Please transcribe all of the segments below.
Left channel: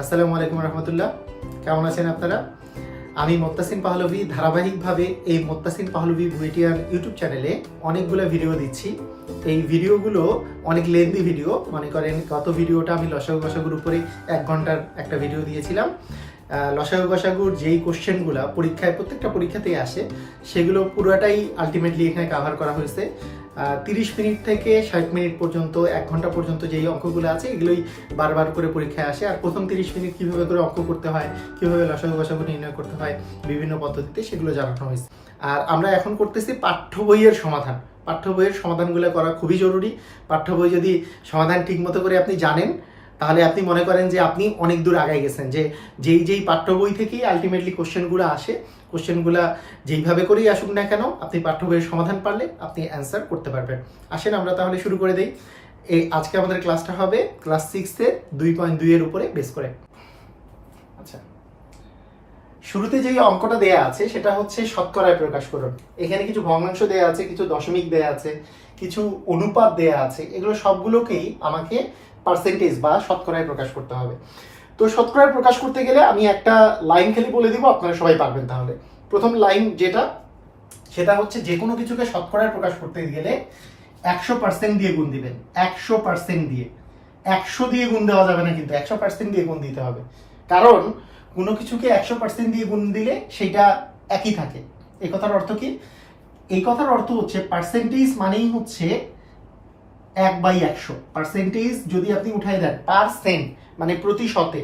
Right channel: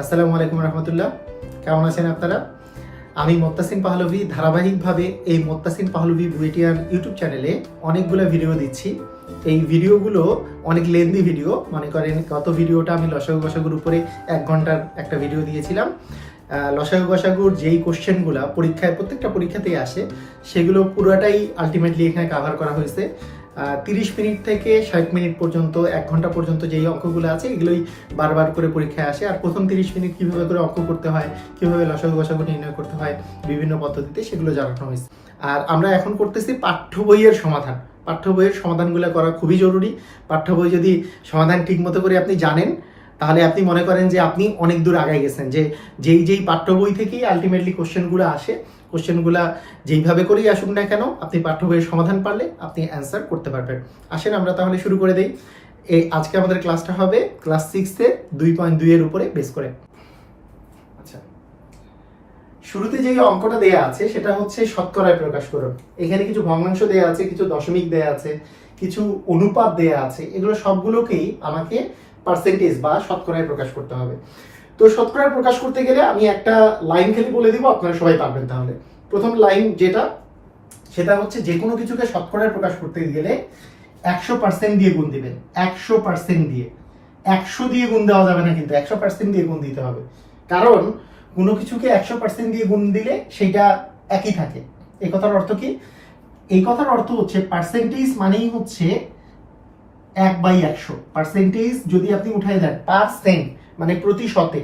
আসসালামু আলাইকুম রহমতুল্লাহ। কেমন আছেন আপনারা? আমি মোত্তাসিন পাহলভী ধারাবাহিকভাবে এই মোত্তাসিন পাহলভী বুয়েটিয়ান ইউটিউব চ্যানেলে অনেকগুলো ভিডিও দিচ্ছি। এই ভিডিওগুলো অনেক লেন্দি ভিডিও। মনে করেন গত ভিডিওটা আমি লসাগু গসাগুর উপরে 1 ঘন্টার একটা ভিডিও দিয়েছিলাম। লসাগু গসাগুর যেই কোশ্চেনগুলো পরীক্ষায় প্রত্যেকটা পরীক্ষাতেই আসে সেগুলো পুরোটাই আলটিমেটলি এখানে কাভার করা হয়েছে। 30 মিনিট থেকে 60 মিনিট পর্যন্ত 1 ঘন্টা পর্যন্ত যেই অঙ্কগুলো আছে এগুলোই বারবার করে পরীক্ষায় আসে। আর প্রথম 30 মিনিট কীভাবে করে অঙ্ক করতে হয়, কীভাবে লসাগু গসাগু নির্ণয় করতে হয় বিভিন্ন পদ্ধতিতে সেগুলো জানানো হয়েছে। আর আমরা এখন করতেছি পাঠ্য বইয়ের সমাধান। পাঠ্য বইয়ের সমাধানগুলো করা খুবই জরুরি। পাঠ্য বই যদি সমাধান ঠিক মতো করে আপনি জানেন তাহলে আপনি মনে করেন যে আপনি অনেক দূর আগায় গেছেন। যে যেই পাঠ্য বই থেকেই আলটিমেটলি কোশ্চেনগুলো আসে, কোশ্চেনগুলো যেইভাবে করেই আসুক না কেন আপনি পাঠ্য বইয়ের সমাধান পারলে আপনি অ্যান্সার করতে পারবেন। আসেন আমরা তাহলে শুরু করে দেই। আজকে আমাদের ক্লাসটা হবে ক্লাস 6-এর 2.2 এর উপরে বেস করে। আচ্ছা, শুরুতে যে অঙ্কটা দেয়া আছে সেটা হচ্ছে শতকরায় প্রকাশ করুন। এখানে কিছু ভগ্নাংশ দেয়া আছে, কিছু দশমিক দেয়া আছে, কিছু অনুপাত দেয়া আছে। এগুলো সবগুলোকেই আমাকে পার্সেন্টেজ বা শতকরায় প্রকাশ করতে হবে। তো শতকরায় প্রকাশ করতে গেলে আমি একটা লাইন খালি বলে দিব, আপনারা সবাই পারবেন। তাহলে প্রথম লাইন যেটা, সেটা হচ্ছে যে কোনো কিছুকে শতকরায় প্রকাশ করতে গেলে 100% দিয়ে গুণ দিবেন। 100% দিয়ে, 100 দিয়ে গুণ দেওয়া যাবে না, কিন্তু 100% দিয়ে গুণ দিতে হবে। কারণ কোনো কিছুকে 100% দিয়ে গুণ দিলে সেইটা একই থাকে। এই কথার অর্থ কি? এই কথার অর্থ হচ্ছে পার্সেন্টেজ মানেই হচ্ছে 1/100। পার্সেন্টেজ যদি আপনি উঠাই দেন, পার্সেন্ট মানে প্রতিশতে,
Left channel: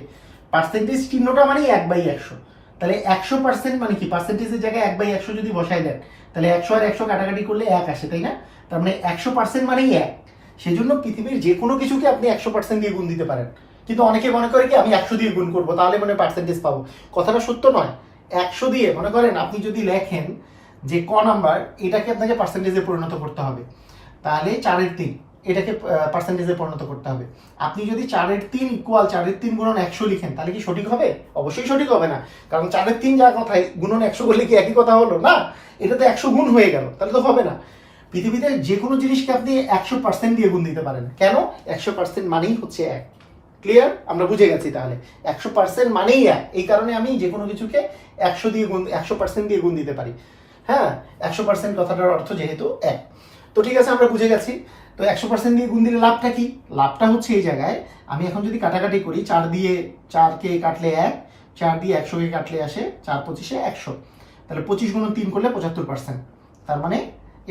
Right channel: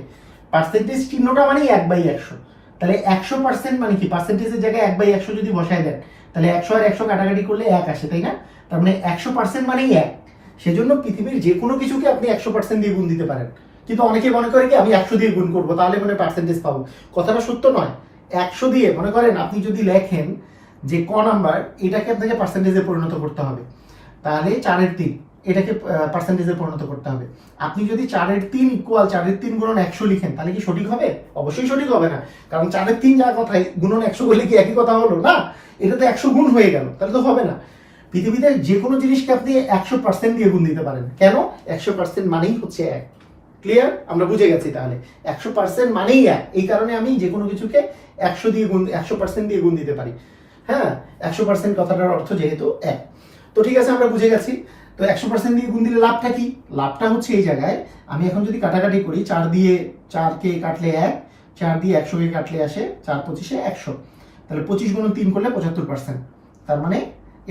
পার্সেন্টেজ চিহ্নটা মানেই 1/100। তাহলে 100% মানে কি? পার্সেন্টেজের জায়গায় 1/100 যদি বসাই দেন তাহলে 100 আর 100 কাটাকাটি করলে 1 আসে, তাই না? তার মানে 100% মানেই 1। সেজন্য পৃথিবীর যে কোনো কিছুকে আপনি 100% দিয়ে গুণ দিতে পারেন। কিন্তু অনেকে মনে করে কি আমি 100 দিয়ে গুণ করবো তাহলে মনে পার্সেন্টেজ পাবো। কথাটা সত্য নয়। 100 দিয়ে মনে করেন আপনি যদি লেখেন যে ক নাম্বার, এটাকে আপনাকে পার্সেন্টেজে পরিণত করতে হবে। তাহলে 4/3 এটাকে পার্সেন্টেজে পরিণত করতে হবে। আপনি যদি 4/3 ইকুয়াল 4/3 গুণন 100 লিখেন তাহলে কি সঠিক হবে? অবশ্যই সঠিক হবে না। কারণ 4/3 যা কথায় গুণন 100 করলে কি একই কথা হলো না? এটা তো 100 গুণ হয়ে গেল, তাহলে তো হবে না। পৃথিবীতে যে কোনো জিনিসকে আপনি 100% দিয়ে গুণ দিতে পারেন। কেন? 100% মানেই হচ্ছে 1। ক্লিয়ার? আমরা বুঝে গেছি। তাহলে 100% মানেই 1। এই কারণে আমি যে কোনো কিছুকে 100 দিয়ে গুণ 100% দিয়ে গুণ দিতে পারি। হ্যাঁ, 100% কথাটার অর্থ যেহেতু 1। তো ঠিক আছে, আমরা বুঝে গেছি। তো 100% দিয়ে গুণ দিলে লাভটা কি? লাভটা হচ্ছে এই জায়গায় আমি এখন যদি কাটাকাটি করি, 4 দিয়ে 4কে কাটলে 1, 4 দিয়ে 100কে কাটলে আসে 4×25 100। তাহলে 25 গুণ 3 করলে 75%। তার মানে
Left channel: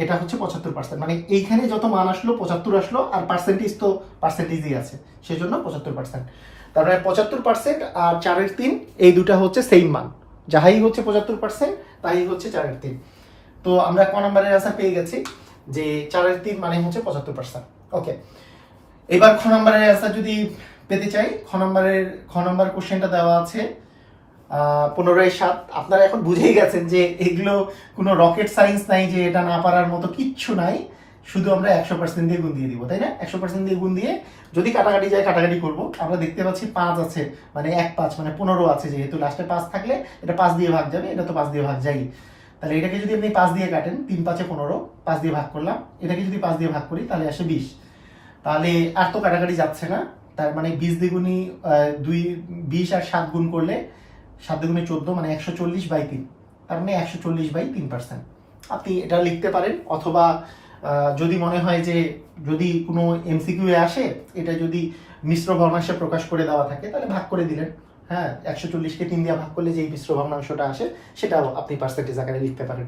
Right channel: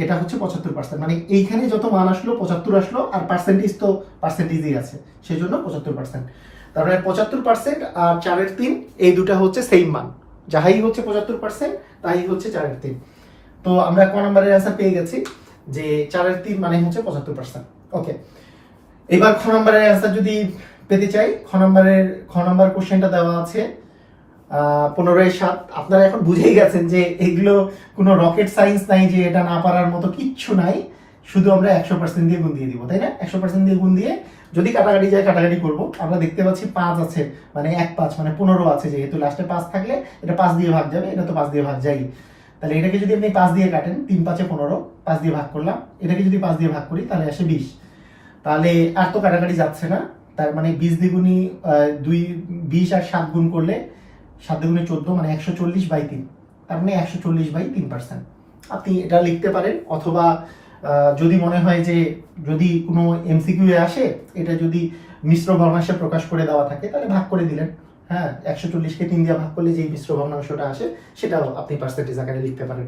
এটা হচ্ছে 75%। মানে এইখানে যত মান আসলো 75 আসলো, আর পার্সেন্টেজ তো পার্সেন্টেজই আছে, সেজন্য 75%। তারপরে 75% আর 4/3 এই দুটা হচ্ছে সেম মান। যাহাই হচ্ছে 75% তাই হচ্ছে 4/3। তো আমরা ক নম্বরের অ্যান্সার পেয়ে গেছি যে 4/3 মানে হচ্ছে 75%। ওকে, এবার খ নম্বরের অ্যান্সার যদি পেতে চাই, খ নম্বর কোশ্চেনটা দেওয়া আছে 15/7। আপনারা এখন বুঝেই গেছেন যে এগুলো কোনো রকেট সায়েন্স নাই, যে এটা না পারার মতো কিচ্ছু নাই। শুধু আমরা 100% দিয়ে গুণ দিয়ে দিব, তাই না? 100% দিয়ে গুণ দিয়ে যদি কাটাকাটি যায় কাটাকাটি করব। আমরা দেখতে পাচ্ছি 5 আছে, মানে 1/5 মানে 15 আছে। যেহেতু লাস্টে 5 থাকলে এটা 5 দিয়ে ভাগ যাবে, এটা তো 5 দিয়ে ভাগ যায়ই। তাহলে এটাকে যদি আপনি 5 দিয়ে কাটেন, 3×5 15, 5 দিয়ে ভাগ করলাম। এটাকে যদি 5 দিয়ে ভাগ করি তাহলে আসে 20। তাহলে আর তো কাটাকাটি যাচ্ছে না। তার মানে 20 দ্বিগুণী 20 আর 7 গুণ করলে 7 দ্বিগুণে 14, মানে 140/3। তার মানে 140/3%। আপনি এটা লিখতে পারেন। অথবা যদি মনে হয় যে যদি কোনো এমসিকিউ এ আসে এটা যদি মিশ্র ভগ্নাংশে প্রকাশ করে দেওয়া থাকে তাহলে ভাগ করে দিলেন। হ্যাঁ, 140কে 3 দিয়ে ভাগ করলে যেই মিশ্র ভগ্নাংশটা আসে সেটাও আপনি পার্সেন্টেজ আকারে লিখতে পারেন।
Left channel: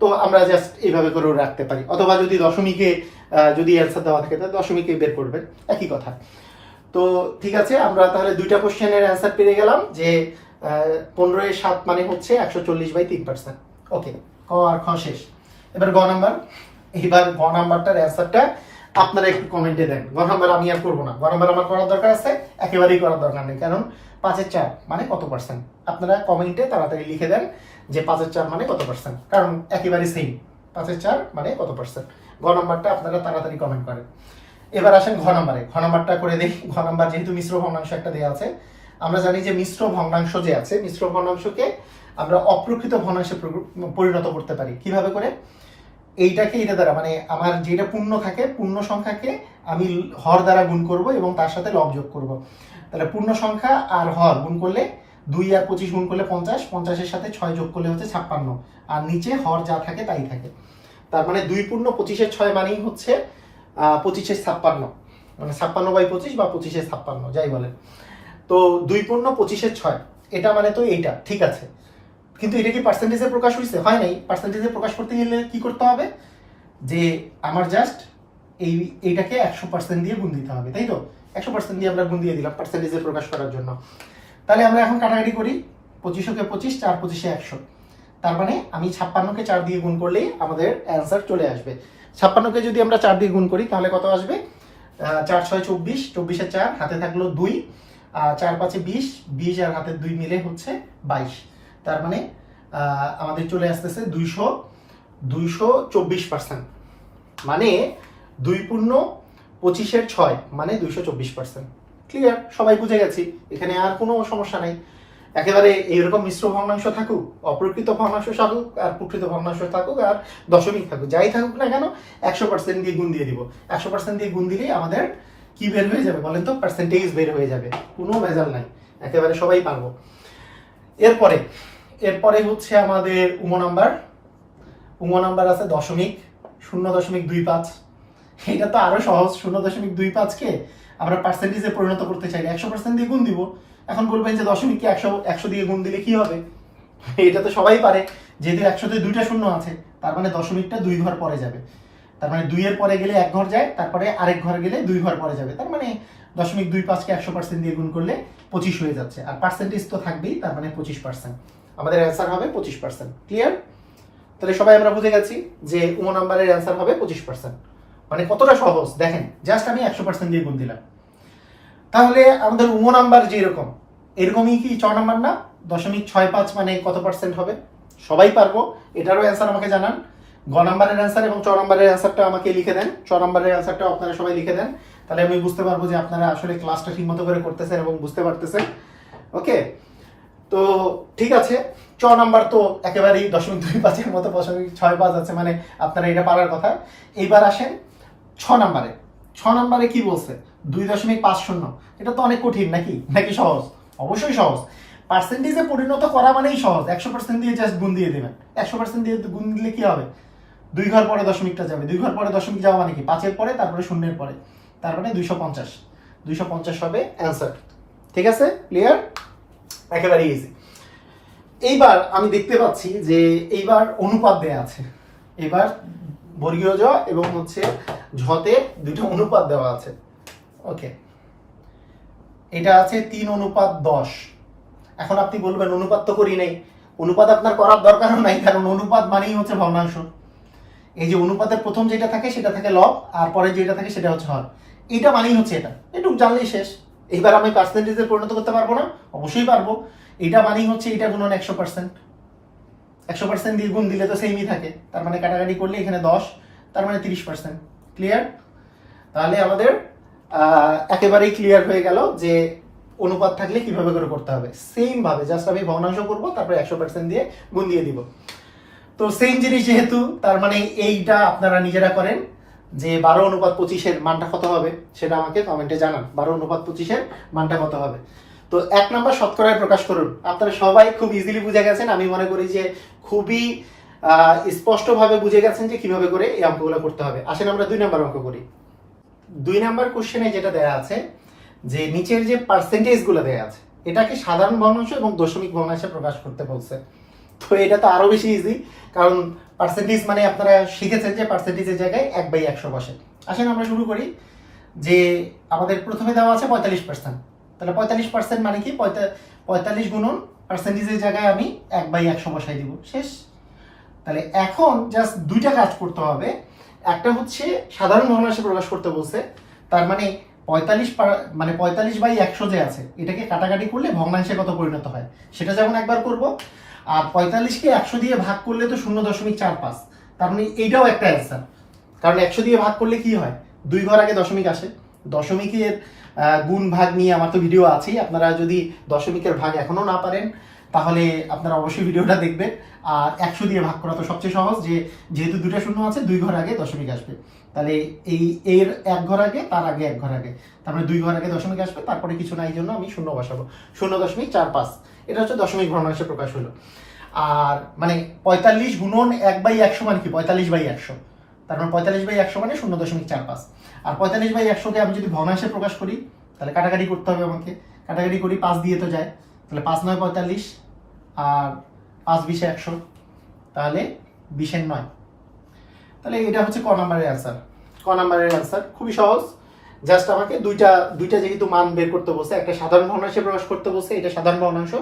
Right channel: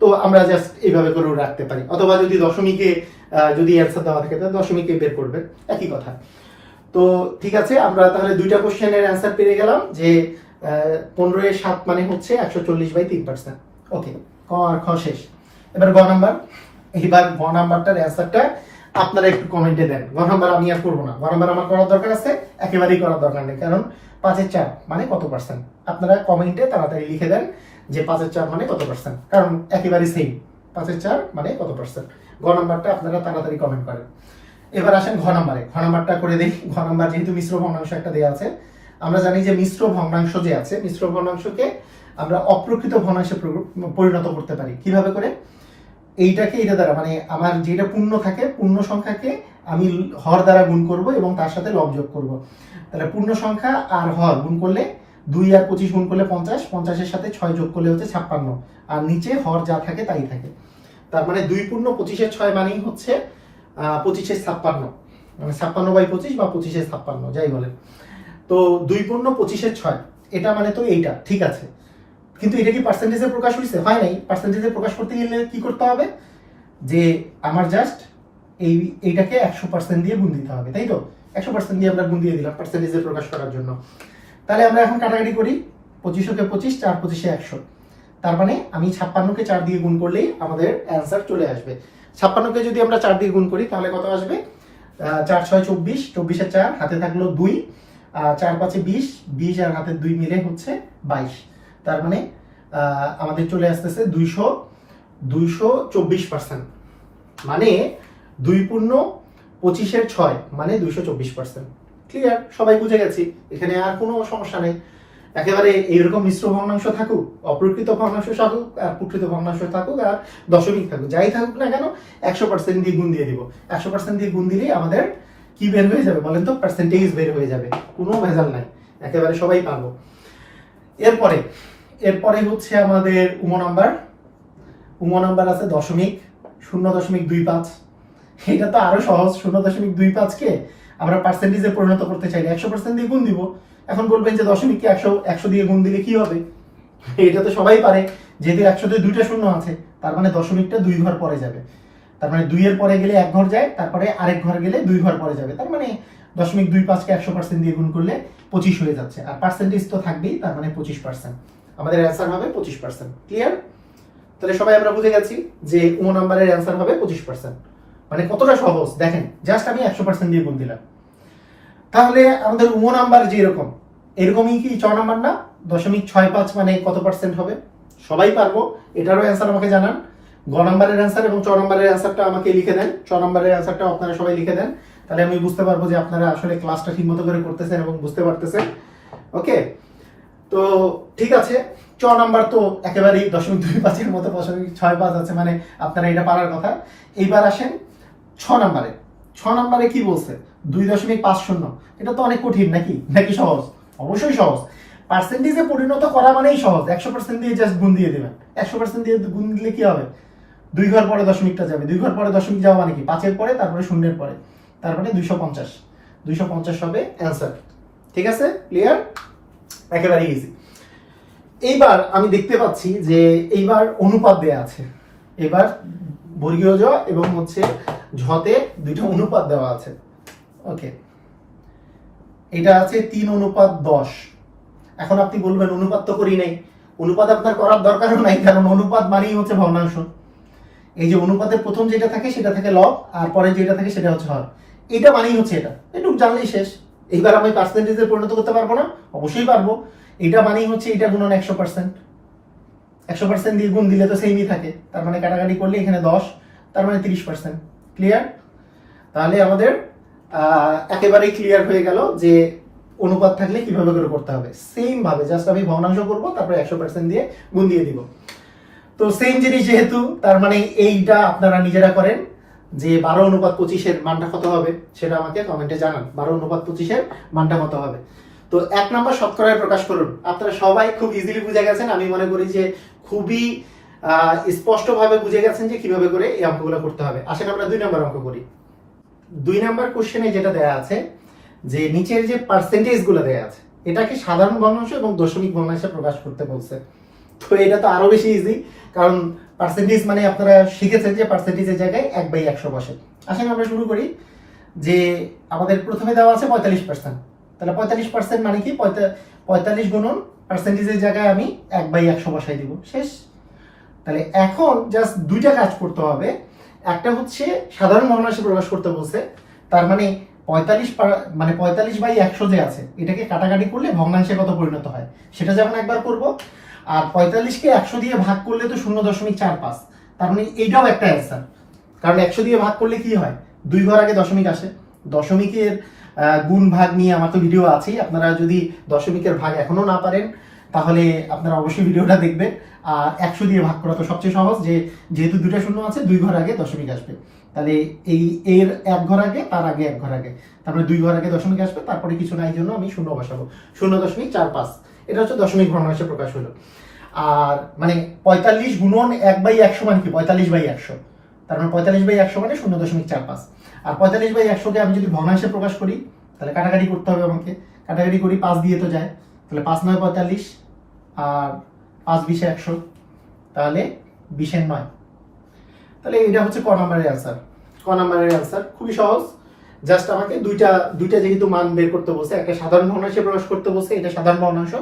তো আমরা জাস্ট এইভাবে করে রাখতে পারি। অথবা যদি দশমিকে যদি অ্যান্সার দেওয়া থাকে তাহলে দশমিকে বের করবেন, একই কথা। তো ঠিক আছে, আমরা তাহলে দুইটা কোশ্চেনের অ্যান্সার পেয়ে গেলাম যে 15/7 মানে হচ্ছে 140/3%। ওকে, ক আর খ শেষ। এবার গ নাম্বার। এবার গ নাম্বারটার অ্যান্সারটা আপনারা একটু কমেন্টে দেন। গ নাম্বার আমি আর করবো না। গ নাম্বার আমার করার দরকার আছে, একেবারেই করার দরকার নেই। কারণ 5/4 মানে কত পার্সেন্ট? আপনারা কমেন্টে তাড়াতাড়ি লিখে দেন যে 5/4 মানে কত পার্সেন্ট, কারণ একেবারে সেম। 5/4 মানে কত পার্সেন্ট? গ নাম্বারটা আপনারা তাড়াতাড়ি কমেন্ট করেন। এবার আসেন ঘ নাম্বারে। ঘ নাম্বারটা করে দেখি। ঘ নাম্বার যেহেতু মিশ্র ভগ্নাংশ একটা দেওয়া আছে, আমরা জানি যে মিশ্র ভগ্নাংশ যে আছে, মিশ্র ভগ্নাংশকে আমরা অপ্রকৃত ভগ্নাংশে পরিণত করতে পারি। কিভাবে করে? এইটাকে এটা দ্বারা, মানে আমার যেটা পূর্ণ থাকে, পূর্ণ সংখ্যাকে আমি হর দ্বারা গুণ করব এবং তার সাথে লব যোগ করব। তাহলে পূর্ণ সংখ্যা আর হর গুণ করলে 2 আর 25 গুণ করলে 50, 50-এর সাথে 6 যোগ করলে হচ্ছে 56, আর নিচে হর যা থাকে তাই থাকে। তার মানে 2 পূর্ণ 25-এর 6 মানেই হচ্ছে 25-এর 56, মানে 56/25 বা 25-এর 56 যাই বলেন। তো 2 পূর্ণ 25-এর 6 এটা মানে তো এইটা ঠিক আছে, কিন্তু এটা কি পার্সেন্টেজে প্রকাশ হয়েছে? হয় নাই। পার্সেন্টেজে প্রকাশ করতে গেলে কি করতে হবে, যে আমার জাস্ট এইটাকে 100% দিয়ে গুণ দিতে হবে, তাই তো? 100% দিয়ে আমরা গুণ দিয়ে দিলাম পার্সেন্টেজে প্রকাশ করার জন্য। তাহলে আমরা এখন কাটাকাটি করি, 25-কে 25, 4 25-এ 100। তার মানে আমি 56-কে 4 দিয়ে গুণ করলেই আমাদের অ্যান্সার চলে আসবে। 56-কে যদি আমরা 4 দিয়ে গুণ করি তাহলে কত আসবে? 4 6 24, 24-এ 4 হাতে থাকলো 2, 4 5-এ 20, 20 আর হাতে 2 মিলে হচ্ছে 22। তার মানে আমাদের চলে আসতেছে 224%, মানে 2 পূর্ণ 25-এর 6 মানে 224%। ক্লিয়ার? সবাই বুঝে গেছি, এখানে আর কোনো সমস্যা নেই। একেবারে এইরকম মিশ্র ভগ্নাংশ থাকুক, অপ্রকৃত ভগ্নাংশ থাকুক, আর প্রকৃত ভগ্নাংশ থাকুক, আর দশমিক থাকুক, যাই থাকুক না কেন 100% দিয়ে গুণ দিয়ে দিব। 100% দিয়ে গুণ দিলেই আমাদের কি বের হয়ে যাবে বলেন তো? পার্সেন্টেজ বের হয়ে যাবে, কোনো ভেজাল নাই, একেবারে সবাই পারবো। এরপরে হচ্ছে আমাদের উম নাম্বার আছে দশমিক 0.25। এটা তো আরো সহজ। 0.25-কে আমরা পার্সেন্টেজে পরিণত করতে চাইলে 100% দিয়ে গুণ দিব। এখন বলবেন যে দশমিককে 100 দিয়ে গুণ দিলে কি হবে? এটা তো সবাই পারে, যেহেতু 100-তে 2টা শূন্য আছে, তার মানে দশমিকটা 2 ঘর পরে যাবে। তার মানে 2 এর পরে গেলে 1 ঘর যায়, তারপরে আরেক ঘর গেলে 2 ঘর পরে যাবে। তার মানে 0.25-কে 100% দিয়ে গুণ করলে 25 হয়ে যাচ্ছে, আর পার্সেন্টেজ তো থাকবেই, তার মানে 25%। আমাদের অ্যান্সার হবে 25%। ক্লিয়ার? তাহলে সবাই আমরা বুঝে গেছি যে নাম্বারের অ্যান্সার হবে 25%। মানে কতটা সহজ দেখেন, জাস্ট আমি 100% দিয়ে গুণ দিলাম। তাহলে আমাদের নাম্বার যে এরকমই কি 6 নাম্বার না? 0.65 মানে কত পার্সেন্ট হবে? সবাই পারবো, এটারও অ্যান্সার আমাকে জানান। গ নাম্বারের অ্যান্সার এবং 6 নাম্বারের অ্যান্সারটা আমাকে লিখে দেন। 6 নাম্বারের অ্যান্সারটা আপনারা সবাই লিখে দেন, তাহলে আমি বুঝতে পারবো যে আপনারা আসলে ক্লাসটা ঠিকমতো করে করতেছেন এবং বুঝতে পারতেছেন। ওকে, তো ঠিক আছে। 6 নাম্বার তো একেবারেই 0.25-এর মতো 0.65 আছে, মানে আপনারা এটা পারার কথা। এইবার আসেন 6 নাম্বারে। 6 নাম্বারে কি বলছে? 2.50। এটা তো অনেক কঠিন নাকি সহজ? অবশ্যই সহজ। পার্সেন্টেজে পরিণত করা মানেই সহজ। 100% দিয়ে জাস্ট গুণ দিয়ে দেবেন। 100% দিয়ে গুণ দিলে কি হবে? 2 ঘর পরে দশমিকটা যাবে। 2 ঘর পরে দশমিক যাওয়া মানে কি? 5-এর পরে, তারপরে 0-এর পরে, তার মানে 250। 250 হবে অ্যান্সার। ঠিক আছে? ক্লিয়ার? একেবারে ইজি। এইবার আমি দেখতে পাচ্ছি যে এইবার অনুপাত দেয়া আছে। এবার বর্গীয় জ এবং হচ্ছে ঝতে দুটো অনুপাত দেওয়া আছে। ওকে, এটা আছে 3:10। এখন আপনি বলবেন অনুপাত তো করি নাই। অনুপাত আপনার করার দরকারও নাই, কারণ অনুপাত মানেই হচ্ছে ভগ্নাংশ। এই যে অনুপাতের প্রথম যেটা থাকে সেটা থাকে লব, আর পরে যেটা থাকে সেটা হচ্ছে হর। এটা মানেই হচ্ছে এটা, এটুকু জানলেই শেষ। এইবার আমি পার্সেন্টেজে পরিণত করতে পারবো না? অবশ্যই পারবো। এটা মানেই হচ্ছে এটা গুণন 100%। 100% দিয়ে গুণ দিলে তো সেমই থাকে, তার মানে কাটাকাটি করলে এখানে 10, তার মানে 30%। ক্লিয়ার? তাহলে আমাদের একেবারেই ক্লিয়ার হয়ে গেল যে অনুপাত থাকলে কিভাবে করে করতে হবে। সেম ভাবে জাস্ট আমি ভগ্নাংশ করব, তারপরে 100% দিয়ে গুণ দিয়ে দিব। তো সেম জিনিস যেহেতু, তার মানে এইটা আপনারা নিজেরা করেন যে 12:25-এর মানটা কত হবে সেটা আমাকে কমেন্টে জানান। 12:25-এর মানটা কত হবে? তো 1 নম্বর শতকরায় প্রকাশ করুন। আপনারা সবাই খুব ইজিলি বুঝে গেছেন, আমি মনে করি যে খুবই স্পষ্টভাবে বুঝে গেছেন যে কিভাবে করে এই অঙ্কগুলো করতে হবে। আসেন আমরা 2 নম্বর অঙ্ক করি। 2 নম্বর কোশ্চেনে যেটা দেয়া আছে যে নিচের যে পার্সেন্টেজ গুলো দেয়া আছে, এটাকে সাধারণ ভগ্নাংশ এবং দশমিক ভগ্নাংশে প্রকাশ করতে বলছে। তো এটা তো আরো বেশি ইজি, কারণ পার্সেন্টেজ মানে আপনারা শিখেছেন যে পার্সেন্টেজের জায়গায় 1/100 বসে। আসেন আমরা শুরু করি। যে আমাদের প্রথমে দেওয়া আছে 45%, তাহলে 45% মানে কি? 45 গুণন পার্সেন্টেজের জায়গায় আমি 1/100 বসাই দিব, শেষ। তাহলে এখন জাস্ট দুইটা কাজ করতে হবে। একটা হচ্ছে সাধারণ ভগ্নাংশে প্রকাশ করতে বলছে, তার মানে 45/100 যে আছে এটাকে কাটাকাটি করলে ভগ্নাংশে কত পরিণত হয় সেটা যেমন একবার করব। আর 45-কে 100 দিয়ে ভাগ করলে তো 0.45, তার মানে এইটাও একটা অ্যান্সার। কারণ 100 দিয়ে ভাগ করলে কি হয়? 2 ঘর আগে দশমিক আসে। দশমিকের গুণ ভাগ নিয়ে আমার তো ভিডিও আছেই, আপনারা যদি দশমিকের ভাগ এখনো না পারেন তাহলে আপনারা অবশ্যই ভিডিওটা দেখবেন। আর 100 দিয়ে ভাগ করা তো সবচেয়ে সহজ, যেহেতু 2টা শূন্য আছে 2 ঘর আগে দশমিক আসবে। তাহলে এর এক ঘর আগে, তার আগে এক ঘর আগে, তারপরে 2 ঘর আগে দশমিক আসবে, তারপরে কিছু নাই জন্য আমি শূন্য বসাবো, 0.45। এটা হচ্ছে দশমিক ভগ্নাংশে প্রকাশ হলো। আর মানে 45 গুণন 1/100 মানে কি 45/100, তার মানে 45/100 মানে 0.45। আর 45/100 কে আমি যদি ভগ্নাংশে প্রকাশ করি তাহলে কাটাকাটি করতে হবে আমাকে, কাটাকাটি করি 5 দিয়ে তো যায়, তাহলে 5 9 45 আর 5 20 100, তাহলে 20 9। তাহলে এটা হচ্ছে ক নাম্বারের অ্যান্সার। ক নাম্বারের অ্যান্সার খুবই সহজ, জাস্ট আমাকে দুইটা যেহেতু মান বের করতে বলছে, একটা সাধারণ ভগ্নাংশে প্রকাশ করতে বলছে, এটা সাধারণ ভগ্নাংশ,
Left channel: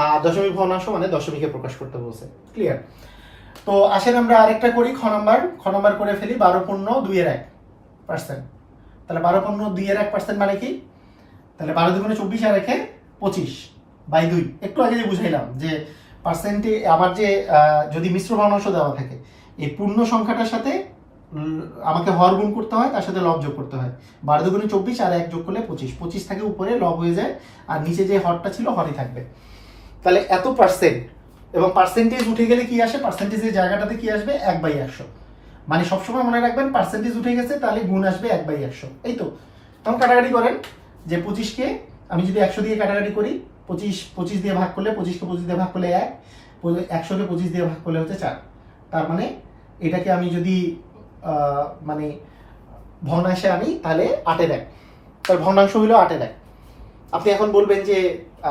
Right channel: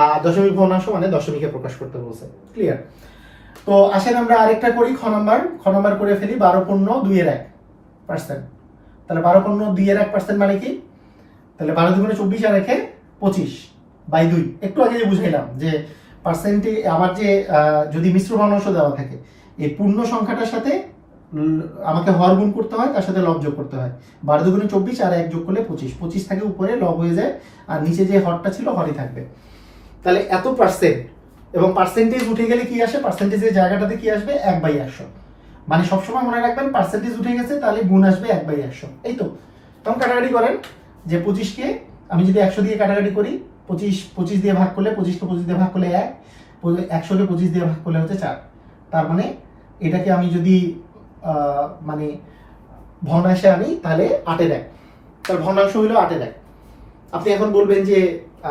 আর দশমিক ভগ্নাংশ মানে দশমিকে প্রকাশ করতে বলছে। ক্লিয়ার? তো আসেন আমরা আরেকটা করি, খ নাম্বার করে ফেলি। 12.2/1%। তাহলে 12.2/1% মানে কি? তাহলে 12 দুগুণে 24 আর 1 25/2। একটু আগে যে বুঝাইলাম যে পার্সেন্টে আমার যে যদি মিশ্র ভগ্নাংশ দেওয়া থাকে, এই পূর্ণ সংখ্যাটার সাথে আমাকে হর গুণ করতে হয়, তার সাথে লব যোগ করতে হয়। 12 দুগুণে 24 আর 1 যোগ করলে 25, 25 থাকে উপরে, লব হয়ে যায়, আর নিচে যে হরটা ছিল হরই থাকবে। তাহলে এত পার্সেন্ট, এবং পার্সেন্টেজ উঠে গেলে কি আসে, পার্সেন্টেজের জায়গাটাতে কি আসবে 1/100। মানে সবসময় মনে রাখবেন পার্সেন্টেজ উঠে গেছে তাহলে গুণ আসবে 1/100। এই তো, তখন কাটাকাটি করেন যে 25কে আমি যদি 100 দিয়ে কাটাকাটি করি, 25 দিয়ে ভাগ করলে, 25কে 25 দিয়ে ভাগ করলে 1, 100কে 25 দিয়ে ভাগ করলে হচ্ছে 4। তার মানে এটাকে আমি যদি মানে ভগ্নাংশে আনি তাহলে 8/1, তার ভগ্নাংশ হলো 8/1। আপনি এখন বলবেন যে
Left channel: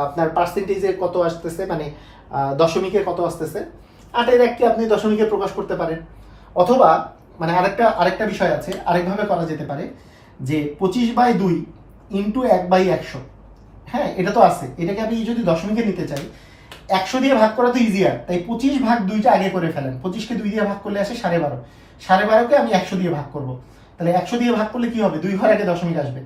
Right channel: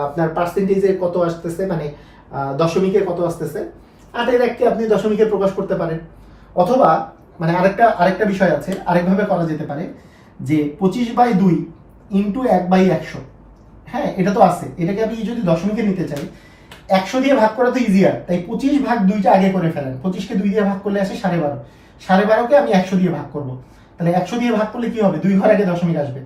আপনার পার্সেন্টেজে কত আসতেছে, মানে দশমিকে কত আসতেছে। 8/1কে আপনি দশমিকে প্রকাশ করতে পারেন, অথবা মানে আরেকটা বিষয় আছে, আরেকভাবে করা যেতে পারে যে 25/2 ইন্টু 1/100। হ্যাঁ, এটা তো আছে, এটাকে আমি যদি দশমিকে নিতে চাই, 100 দিয়ে ভাগ করা তো ইজিয়ার, তাই 25/2টা আগে করে ফেলেন। 25কে 2 দিয়ে ভাগ করলে আসে 12.5, 12.5কে আমি 100 দিয়ে ভাগ করব। তাহলে 100 দিয়ে ভাগ করলে কি হবে, 2 ঘর আগে দশমিক আসবে।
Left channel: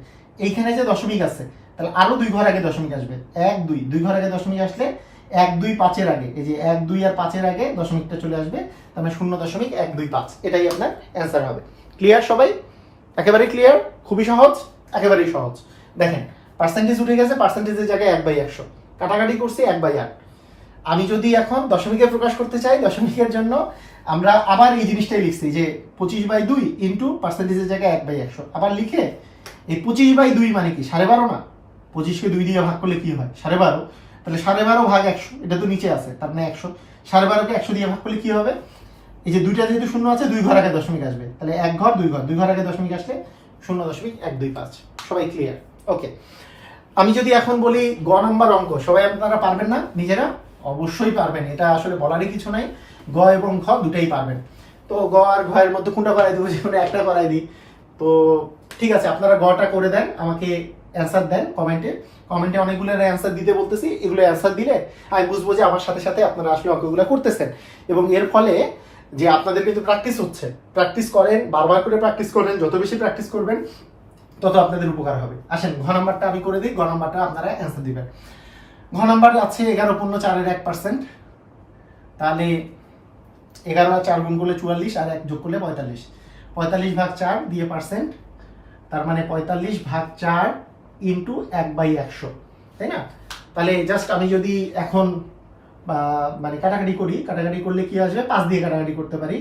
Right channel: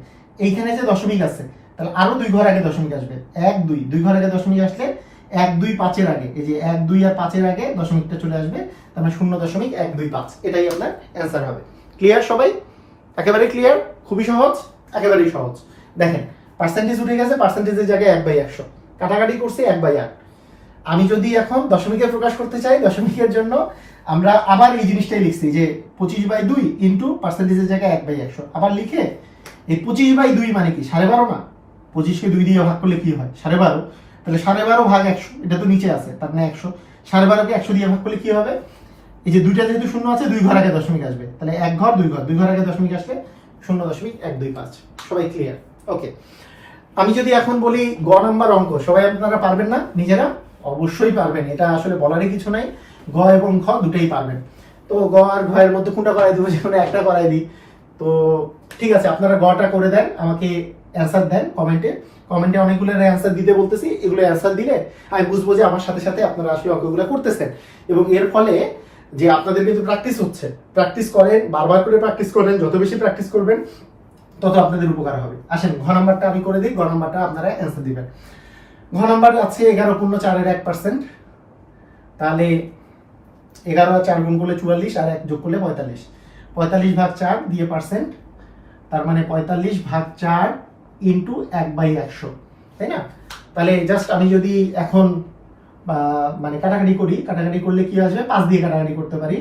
এইখানে যে দশমিক আছে তাহলে আরো 2 ঘর আগে দশমিক আসবে, 1 2, 2 ঘর আগে দশমিক আসলে 1 2 5-এর আগে, এই যে 1 2 আর 5-এর আগে দশমিকটা চলে আসবে, তার মানে 0.125। এটাই আপনার অ্যান্সার হবে। ক্লিয়ার সবাই? একেবারে ক্লিয়ার, খুবই সহজ, একেবারেই সহজ। দেখেন পার্সেন্টেজ উঠে গেছে, পার্সেন্টেজের জায়গায় 1/100, কাটাকাটি করছে 1/8। আমি যদি এখন দশমিকে প্রকাশ করতে চাই, দশমিকের জন্য আমরা আবার এই জিনিসটাই লিখছি যে 25/2 ইন্টু পার্সেন্টেজের জায়গায় 1/100। আবার লিখে এই 25/2 মানে কি 12.5 না, 25কে 2 দিয়ে ভাগ করলে কি হয় 12.5, তাহলে 12.5 ভাগ 100, এটা তো নিচে আছে, তার মানে 100। 12.5কে 100 দিয়ে ভাগ করলে কি হবে, এই যে দুইটা যেহেতু শূন্য আছে, 2 ঘর আগে দশমিক আসবে, তাহলে 1 ঘর 2 ঘর, 2 ঘর আগে দশমিক আসলে 0.125। সবাই ক্লিয়ার? ওকে। আমি যদি এখন বলি গ নাম্বার অঙ্ক, সবাই আপনারা পারবেন না নিজেরা? অবশ্যই পারবেন, এটা আসলে বলারই কিছু নাই, গ এবং খ দুটেই পারবেন। তো গ আর ঘ এর মধ্যে কোনটা করাই দিব, যে কোনো একটা করাই দিই। তো ঠিক আছে, আপনারা গটা করে দেন, আমাকে অ্যান্সার দেন কমেন্টে অনেকগুলো অ্যান্সার দিতে বলতেছি, এগুলো অ্যান্সার দিলে আমি বুঝবো যে আমার সাথে সাথে আপনারা আসলে অঙ্কগুলো করতেছেন, এবং এর ফলে যে আপনাদের কিন্তু প্র্যাকটিস হচ্ছে। প্র্যাকটিস করেন, বারবার করে প্র্যাকটিস করেন, যত বেশি প্র্যাকটিস করবেন তত আপনাদের উপকার হবে। আসেন ঘ নাম্বারটা আমি করে দিই, ঘ নাম্বারটা আপনারা অ্যান্সার দিবেন। ঘ নাম্বার আছে 11.4%। তাহলে 11 আর 4 গুণ করলে 44, আর 1 যোগ করলে 45। 45/4 দিয়ে পার্সেন্ট, তার মানে 45/4 ইন্টু 1/100, তাই না? তাহলে জাস্ট আমি যদি এখন মানে কাটাকাটি করি, কাটাকাটি করলে কি আসবে, 5 দিয়ে কাটাকাটি করতে পারি,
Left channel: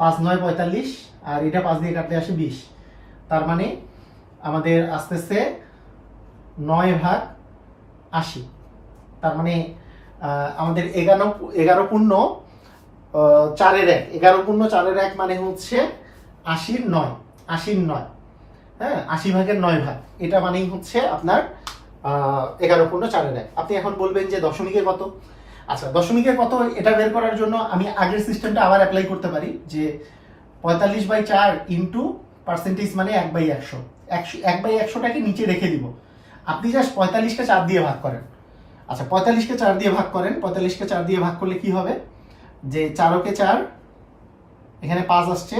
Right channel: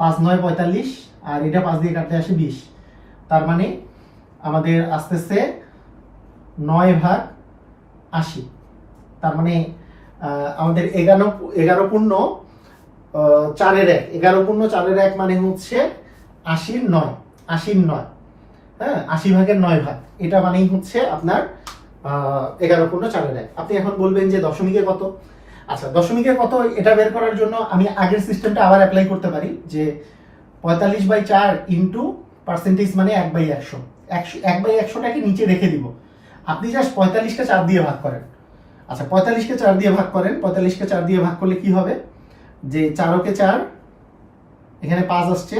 5 9 45, আর এটা 5 দিয়ে কাটলে আসে 20। তার মানে আমাদের আসতেছে 9/80। তার মানে আমাদের 11.4/1 মানে হচ্ছে 80/9, 80/9, হ্যাঁ, 80/9 এটা মানেই হচ্ছে আপনার 11.4/1। আপনি এখন বলবেন যে দশমিকে কত? আচ্ছা, দশমিকে কত এটা বের করার জন্য আমি আগের সিস্টেমটা আবার অ্যাপ্লাই করতে পারি, যে 45/4 ইন্টু পার্সেন্টেজ মানে 1/100। 1/100টাকে নিচে রেখে দিব, আপনি জাস্ট 45কে 4 দিয়ে ভাগ করেন। আচ্ছা, 45কে 4 দিয়ে ভাগ করেন, 45কে 4 দিয়ে ভাগ করলে কি হবে, যে 4কে 4, এখানে 5 আসছে,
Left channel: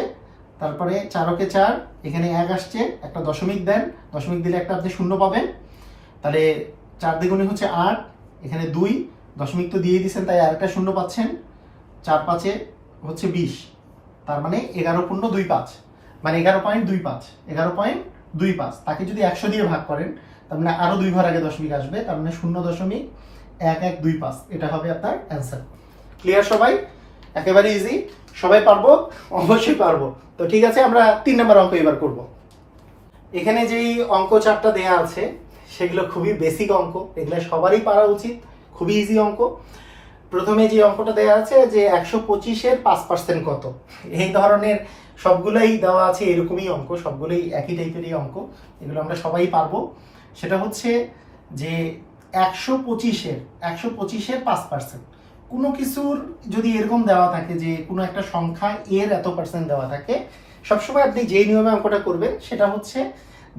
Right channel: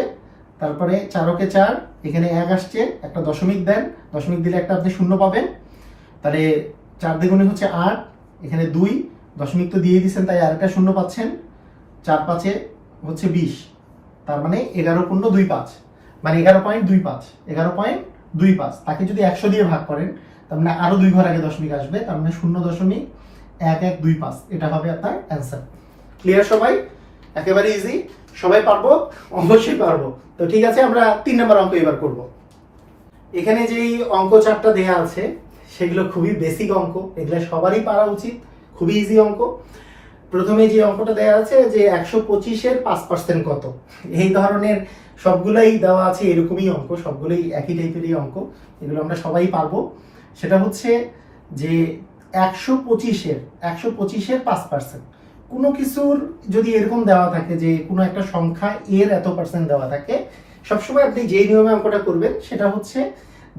তারপরে 4কে 4, এখানে 1 আসছে, একটা দশমিক দেন, দশমিক দিলে একটা আপনি শূন্য পাবেন। তাহলে 4 দ্বিগুণে হচ্ছে 8, এখানে 2, দশমিক তো দিয়ে দিয়েছেন তাই আরেকটা শূন্য পাচ্ছেন, 4 5-এ হচ্ছে 20। তার মানে 11.25, মানে 11.25, তাকে যদি 100 দিয়ে ভাগ করেন তার মানে আরো 2 ঘর আগে দশমিক আসবে, তার মানে 0.1125, এটা হবে আপনার অ্যান্সার। ক্লিয়ার সবাই? একেবারে ইজি, সবাই পারবো, অবশ্যই পারবো। তো ঠিক আছে, আমরা 3 নম্বর অঙ্ক এবার করব। এখানে যে অঙ্ক 4টা দেয়া আছে সেগুলো খুবই বেসিক অঙ্ক, এগুলো সবারই পারা উচিত, খুবই ইজি অঙ্ক। প্রথমে যে অঙ্কটা দেওয়া আছে যে 125-এর 5% কত, এই ধরনের সবগুলোই দেওয়া আছে, এরকমই অঙ্ক, সবগুলোই একই টাইপেরই অঙ্ক, এগুলো আমরা সবাই পারবো। সেটা হচ্ছে যে 125-এর 5%, কোনো কিছুর যদি এরকম দেওয়া থাকে যে কোনো একটা সংখ্যা এর এত পার্সেন্ট দেওয়া থাকে, সবসময় আপনি যে নিয়মে অঙ্কটা করবেন সেটা হচ্ছে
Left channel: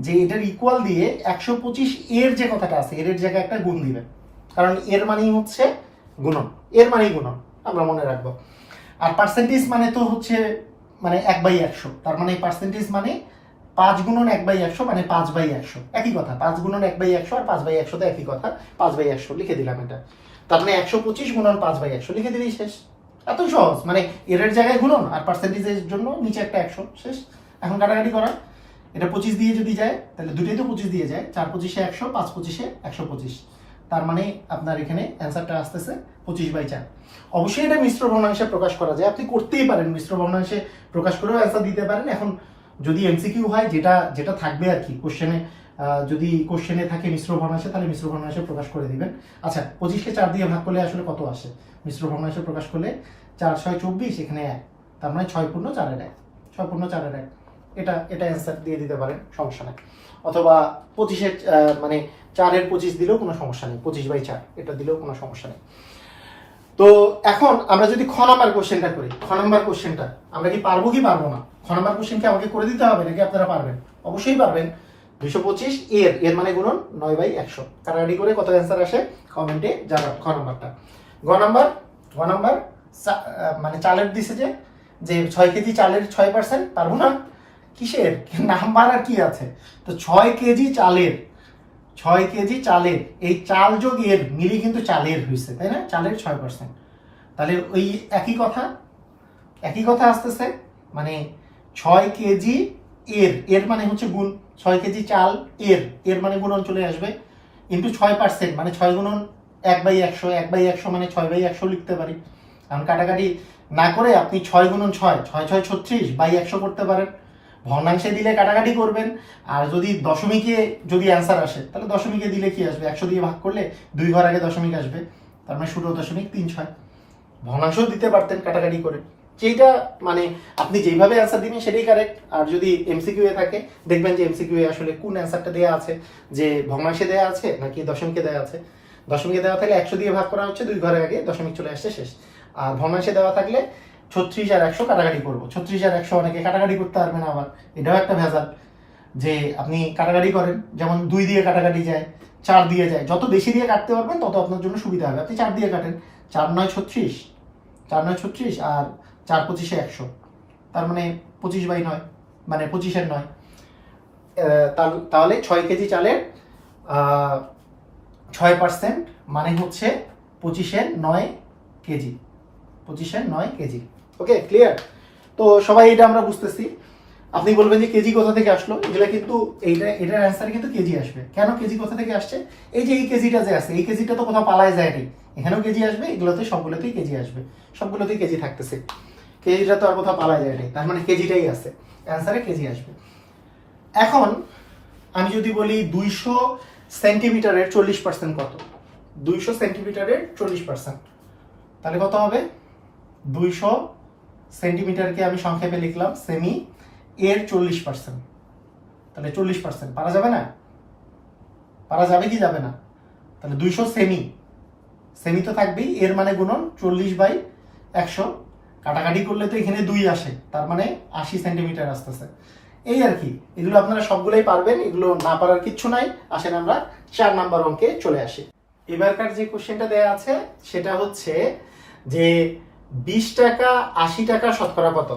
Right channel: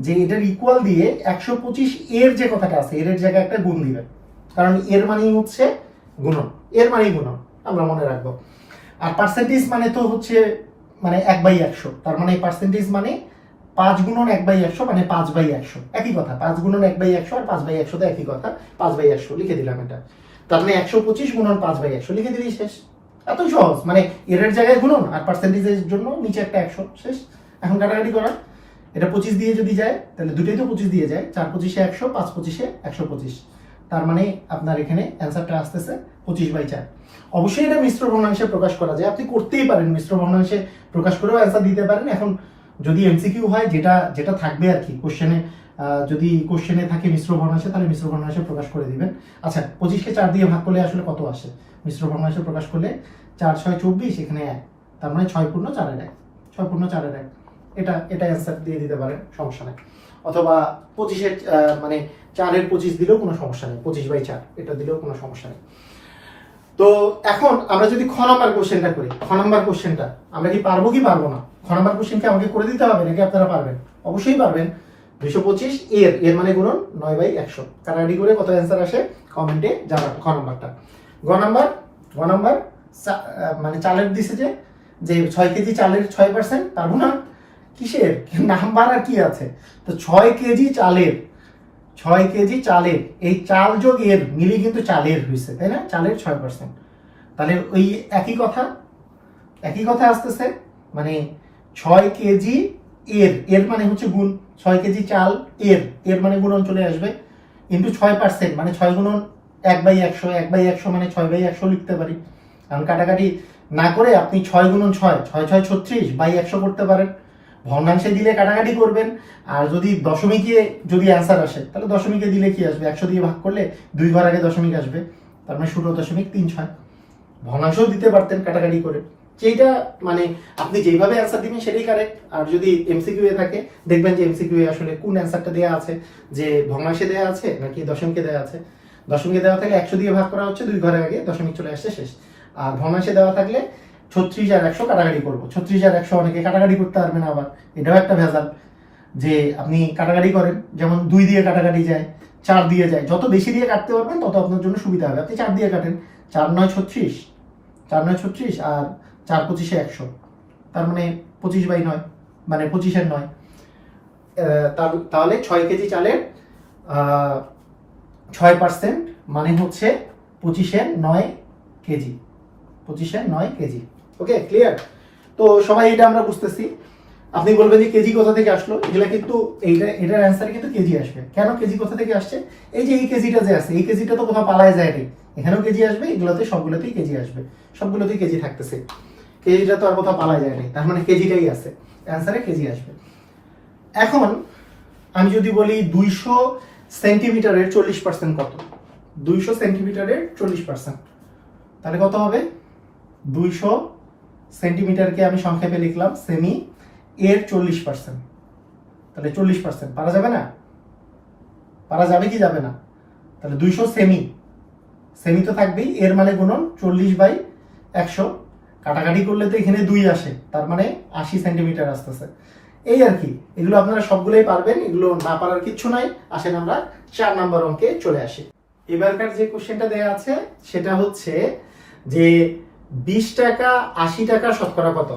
যে এটার ইকুয়াল দিয়ে 125 এর যে কথাটা আছে এর জায়গায় একটা গুণ দিবেন, কারণ এর মানেই হচ্ছে গুণন, এর মানেই গুণন, আমরা মনে রাখবো। আর পার্সেন্টেজ মানে তো হচ্ছে মানে 1/100, তার মানে পার্সেন্টেজ মানে 5 গুণন 1/100 মানে 5/100, একই কথা। 5 গুণন 1/100 আর 5/100 তো একই কথা, 5/100 লিখে দিলাম এটা। তার মানে 125 গুণন 5/100 লিখে দিলেই শেষ। এত সহজ, মানে এর জায়গায় গুণন আর পার্সেন্টেজের জন্য নিচে একটা 100, শেষ। এখন কাটাকাটি করার, এটা 25 দিয়ে যদি যায় তাহলে দুটোই তো 25 দিয়ে যায়, 4/25-এ 100, 5/25-এ 125, তার মানে আপনার এখানে অ্যান্সারটা আসতেছে 25/4। অবশ্যই এটা মিশ্র ভগ্নাংশে প্রকাশ করা যায়, আপনি করতেই পারেন, মিশ্র ভগ্নাংশে প্রকাশ করেও অ্যান্সার দিতে পারেন। এখন যদি এমসিকিউ হয়, যেটা যেটা থাকবে আর কি কোশ্চেনে, যদি কোশ্চেনে থাকে মিশ্র ভগ্নাংশে, তাহলে মিশ্র ভগ্নাংশে প্রকাশ করে দিবেন। আচ্ছা, 25-কে 4 দিয়ে ভাগ করলে আসলে কত আসে? মিশ্র ভগ্নাংশে প্রকাশ করলে 4 6 24, এখানে 1, তার মানে 6 পূর্ণ 4-এর 1, 6 পূর্ণ 4-এর 1, এটা অ্যান্সার দিয়ে দিতে পারেন, সমস্যা নেই। অথবা 25-এর মানে 4-এর 25 দিলেও কোনো সমস্যা নেই, 25/4 এটা দিলেও কোনো সমস্যা নেই। তো এখন আমরা যদি খ নাম্বার কোশ্চেনটা করি, খ নাম্বার কোশ্চেনটা আমরা কি পারবো কি পারবো না? খ নাম্বার কোশ্চেন কি আমাকে করে দিতে হবে নাকি আপনারা পারবেন? অবশ্যই পারবেন। 225 এর মানে গুণন 9/100, কাটাকাটি করে কত অ্যান্সার আসে কমেন্টে জানান। খ নাম্বারটা। গ নাম্বার মানে চালের দিছে যে 6 কেজি চালের 6%, পারবো না? কিসের নাম্বার আর কি আছে? তো 6 কেজি চালের এই চাল যোগ এর মিলি কিন্তু চালের হয়েছে, তাই না? চালের 6%, তাহলে ওই একই কথা আসতেছে, মানে 6 কেজি এর মানে হচ্ছে গুণ, 6 কেজি চাল এর মানে গুণন চলে আসবে, ইন্টু 6%, মানে 6 গুণন 1/100, 1/100 মানে 6/100 লিখতে পারি। কারণ কাটাকাটি না করে আপনি 6 গুণন 6, 6 6 36/100 করতে পারেন। ভগ্নাংশে দিলে কাটাকাটি করবেন, আর যদি দশমিকে যদি অ্যান্সার আসে তাহলে দশমিকে দিলে কি আসবে? 100 দিয়ে ভাগ করলে 2 ঘর আগে দশমিক আসবে, তার মানে 16.36। ভগ্নাংশও দিতে পারতেন কাটাকাটি করে, যেটা মানে আপনি যেভাবে অ্যান্সার দিবেন সেটাই কারেক্ট। আর যদি এমসিকিউ এ থাকে, দেখবেন যে এমসিকিউ এ আসলে কোন অ্যান্সারটা দেওয়া আছে, যে ভগ্নাংশে দেওয়া আছে নাকি দশমিকে দেওয়া আছে। দশমিকে দেওয়া থাকলে 100 দিয়ে ভাগ করা হচ্ছে, 2 ঘরের আগে দশমিক চলে আসছে, শেষ। আর ভগ্নাংশে দেওয়া থাকলে 36 আর 100 কাটাকাটি করবো, 36 আর 100 অনেকে কাটাকাটি করতে পারবে না, আবার এটাও একটা ভেজাল যে আপনি কাটাকাটি করেন, যেমন 2 দিয়ে কাটাকাটি যায়, 4 দিয়ে যায়, যত বেশি দিয়ে কাটতে পারবেন তত আপনার জন্য সুবিধা হবে। আপনি 4 দিয়ে কাটেন, 4 9 36, 4 9 36 আর 4 25-এ 100, তার মানে 25/9, মানে 25-এর 9। তাহলে 6 কেজি চালের 6% মানে হচ্ছে 25-এর 9 কেজি, 25-এর 9 কেজি। ওকে, ক্লিয়ার? তো সবাই এটা আমরা বুঝতেছি। আপনি বলবেন যে কেজি কোথা থেকে আসলো, এগুলা কিন্তু এটার অ্যান্সার কিন্তু কেজি আসবে। কেন কেজি কোথা থেকে আসছে? এই যে এই কেজিটা যে আছে, এই কেজিটা তো কোথাও পালায় যায় নি, এখানেও কেজি আসবে, এগুলোতে সবগুলোতেই কেজি আসবে, সবগুলোতেই কেজি থাকতেছে, কেজিটা তো আর কোথাও পালায় যায় নাই, তার মানে কেজিটাই আছে, অ্যান্সারে কেজি আসবে। এখন আমি যদি বলি 200 সেন্টিমিটারের 40% কত? 200 সেন্টিমিটারের 40%, তাহলে কত হবে? 200 সেন্টিমিটারকে আমি সংক্ষেপে লিখলাম সেমি, এর 40%, তাহলে 40%। পারা যাবে না? পারা যাবে কি যাবে না? তাহলে 200 সেমি তো থাকবেই, এর মানে গুণন 40/100, কাটাকাটি করলে তো এখানে 2 আসে, তার মানে 80 সেন্টিমিটার আসতেছে। এই আর কি, এগুলো আপনারা সবগুলোই পারবেন, এগুলো না পারার কিচ্ছু নাই। আসেন আমরা 4 নাম্বার অঙ্কে চলে আসি। এবারকার যে কোশ্চেনটা দেয়া আছে সেটা হচ্ছে যে 20 টাকা 80 টাকা শতকরা কত?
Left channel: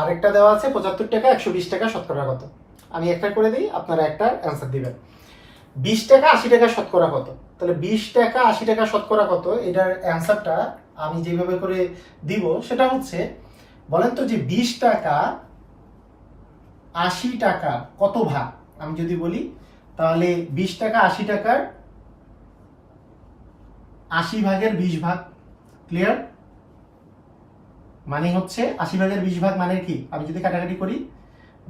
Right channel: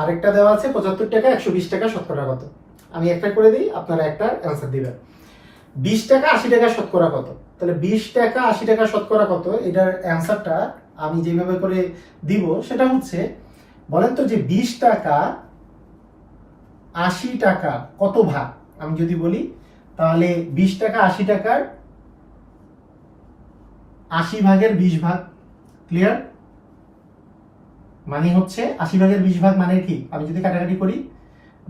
আরেকটা দেওয়া আছে 75 টাকা 120 টাকা শতকরা কত? আমি একটা করে দিই, আপনারা একটা অ্যান্সার দিবেন। 20 টাকা 80 টাকা শতকরা কত? তাহলে 20 টাকা 80 টাকা শতকরা কত, এটার অ্যান্সারটা আমি যেভাবে করে দিব সেটা হচ্ছে, বলেন তো যে 20 টাকা 80 টাকা কত ভাগ? আমি যদি বলি তাহলে 20 টাকা 80 টাকার 80 ভাগের 20 ভাগ। ক্লিয়ার? মানে হচ্ছে 80/20 মানে কি, আমি যদি কাটাকাটি করি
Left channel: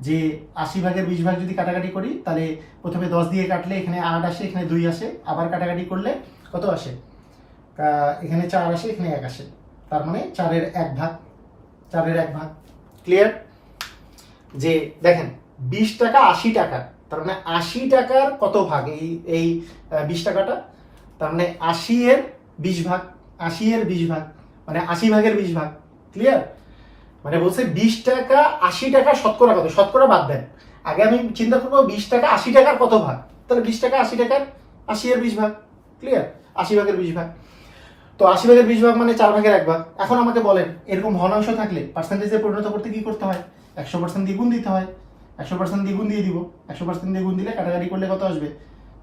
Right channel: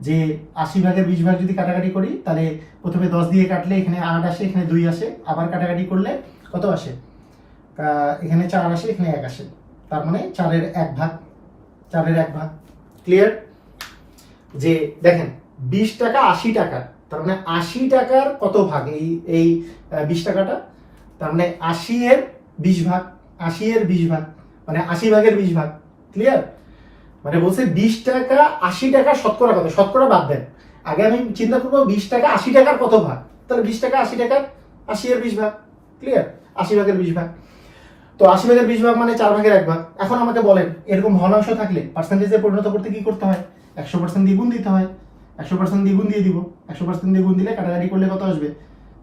যে 80/20 যদি কাটাকাটি করি তাহলে প্রথমে 10 দিয়ে কাটলে এখানে 8 আসে, এখানে 2 আসে, আবার কাটাকাটি করলে কত আসে, এখানে 4 আসে, এখানে 1 আসে, তার মানে 4-এর 1 ভাগ, 4-এর 1 ভাগ। ক্লিয়ার? যে দেখেন 20 টাকা 80 টাকার, তার মানে 80 টাকার কত ভাগ এই 20 টাকাটা, তার মানে 80-এর 20 ভাগ, 80-এর 20 ভাগ মানে 80/20 ভাগ। ক্লিয়ার? মানে বলছে 20 টাকা 80 টাকা শতকরা কত, শতকরা বাদ দেন, আগে আমি চিন্তা করবো 20 টাকা 80 টাকার কত ভাগ, তাহলে 20 টাকা 80 টাকার 80-এর 20 ভাগ। ক্লিয়ার? 80/20 ভাগ। তো 80/20 ভাগ মানে 4/1 ভাগ। এখন আমাকে বলেন এরকম ভগ্নাংশ থাকলে পার্সেন্টেজে পরিণত করতে কি করতে হয়, 100% দিয়ে গুণ দিতে হয়। 100% দিয়ে গুণ দিয়ে দিব, 100% দিয়ে গুণ দিলে কাটাকাটি করলে কত আসবে,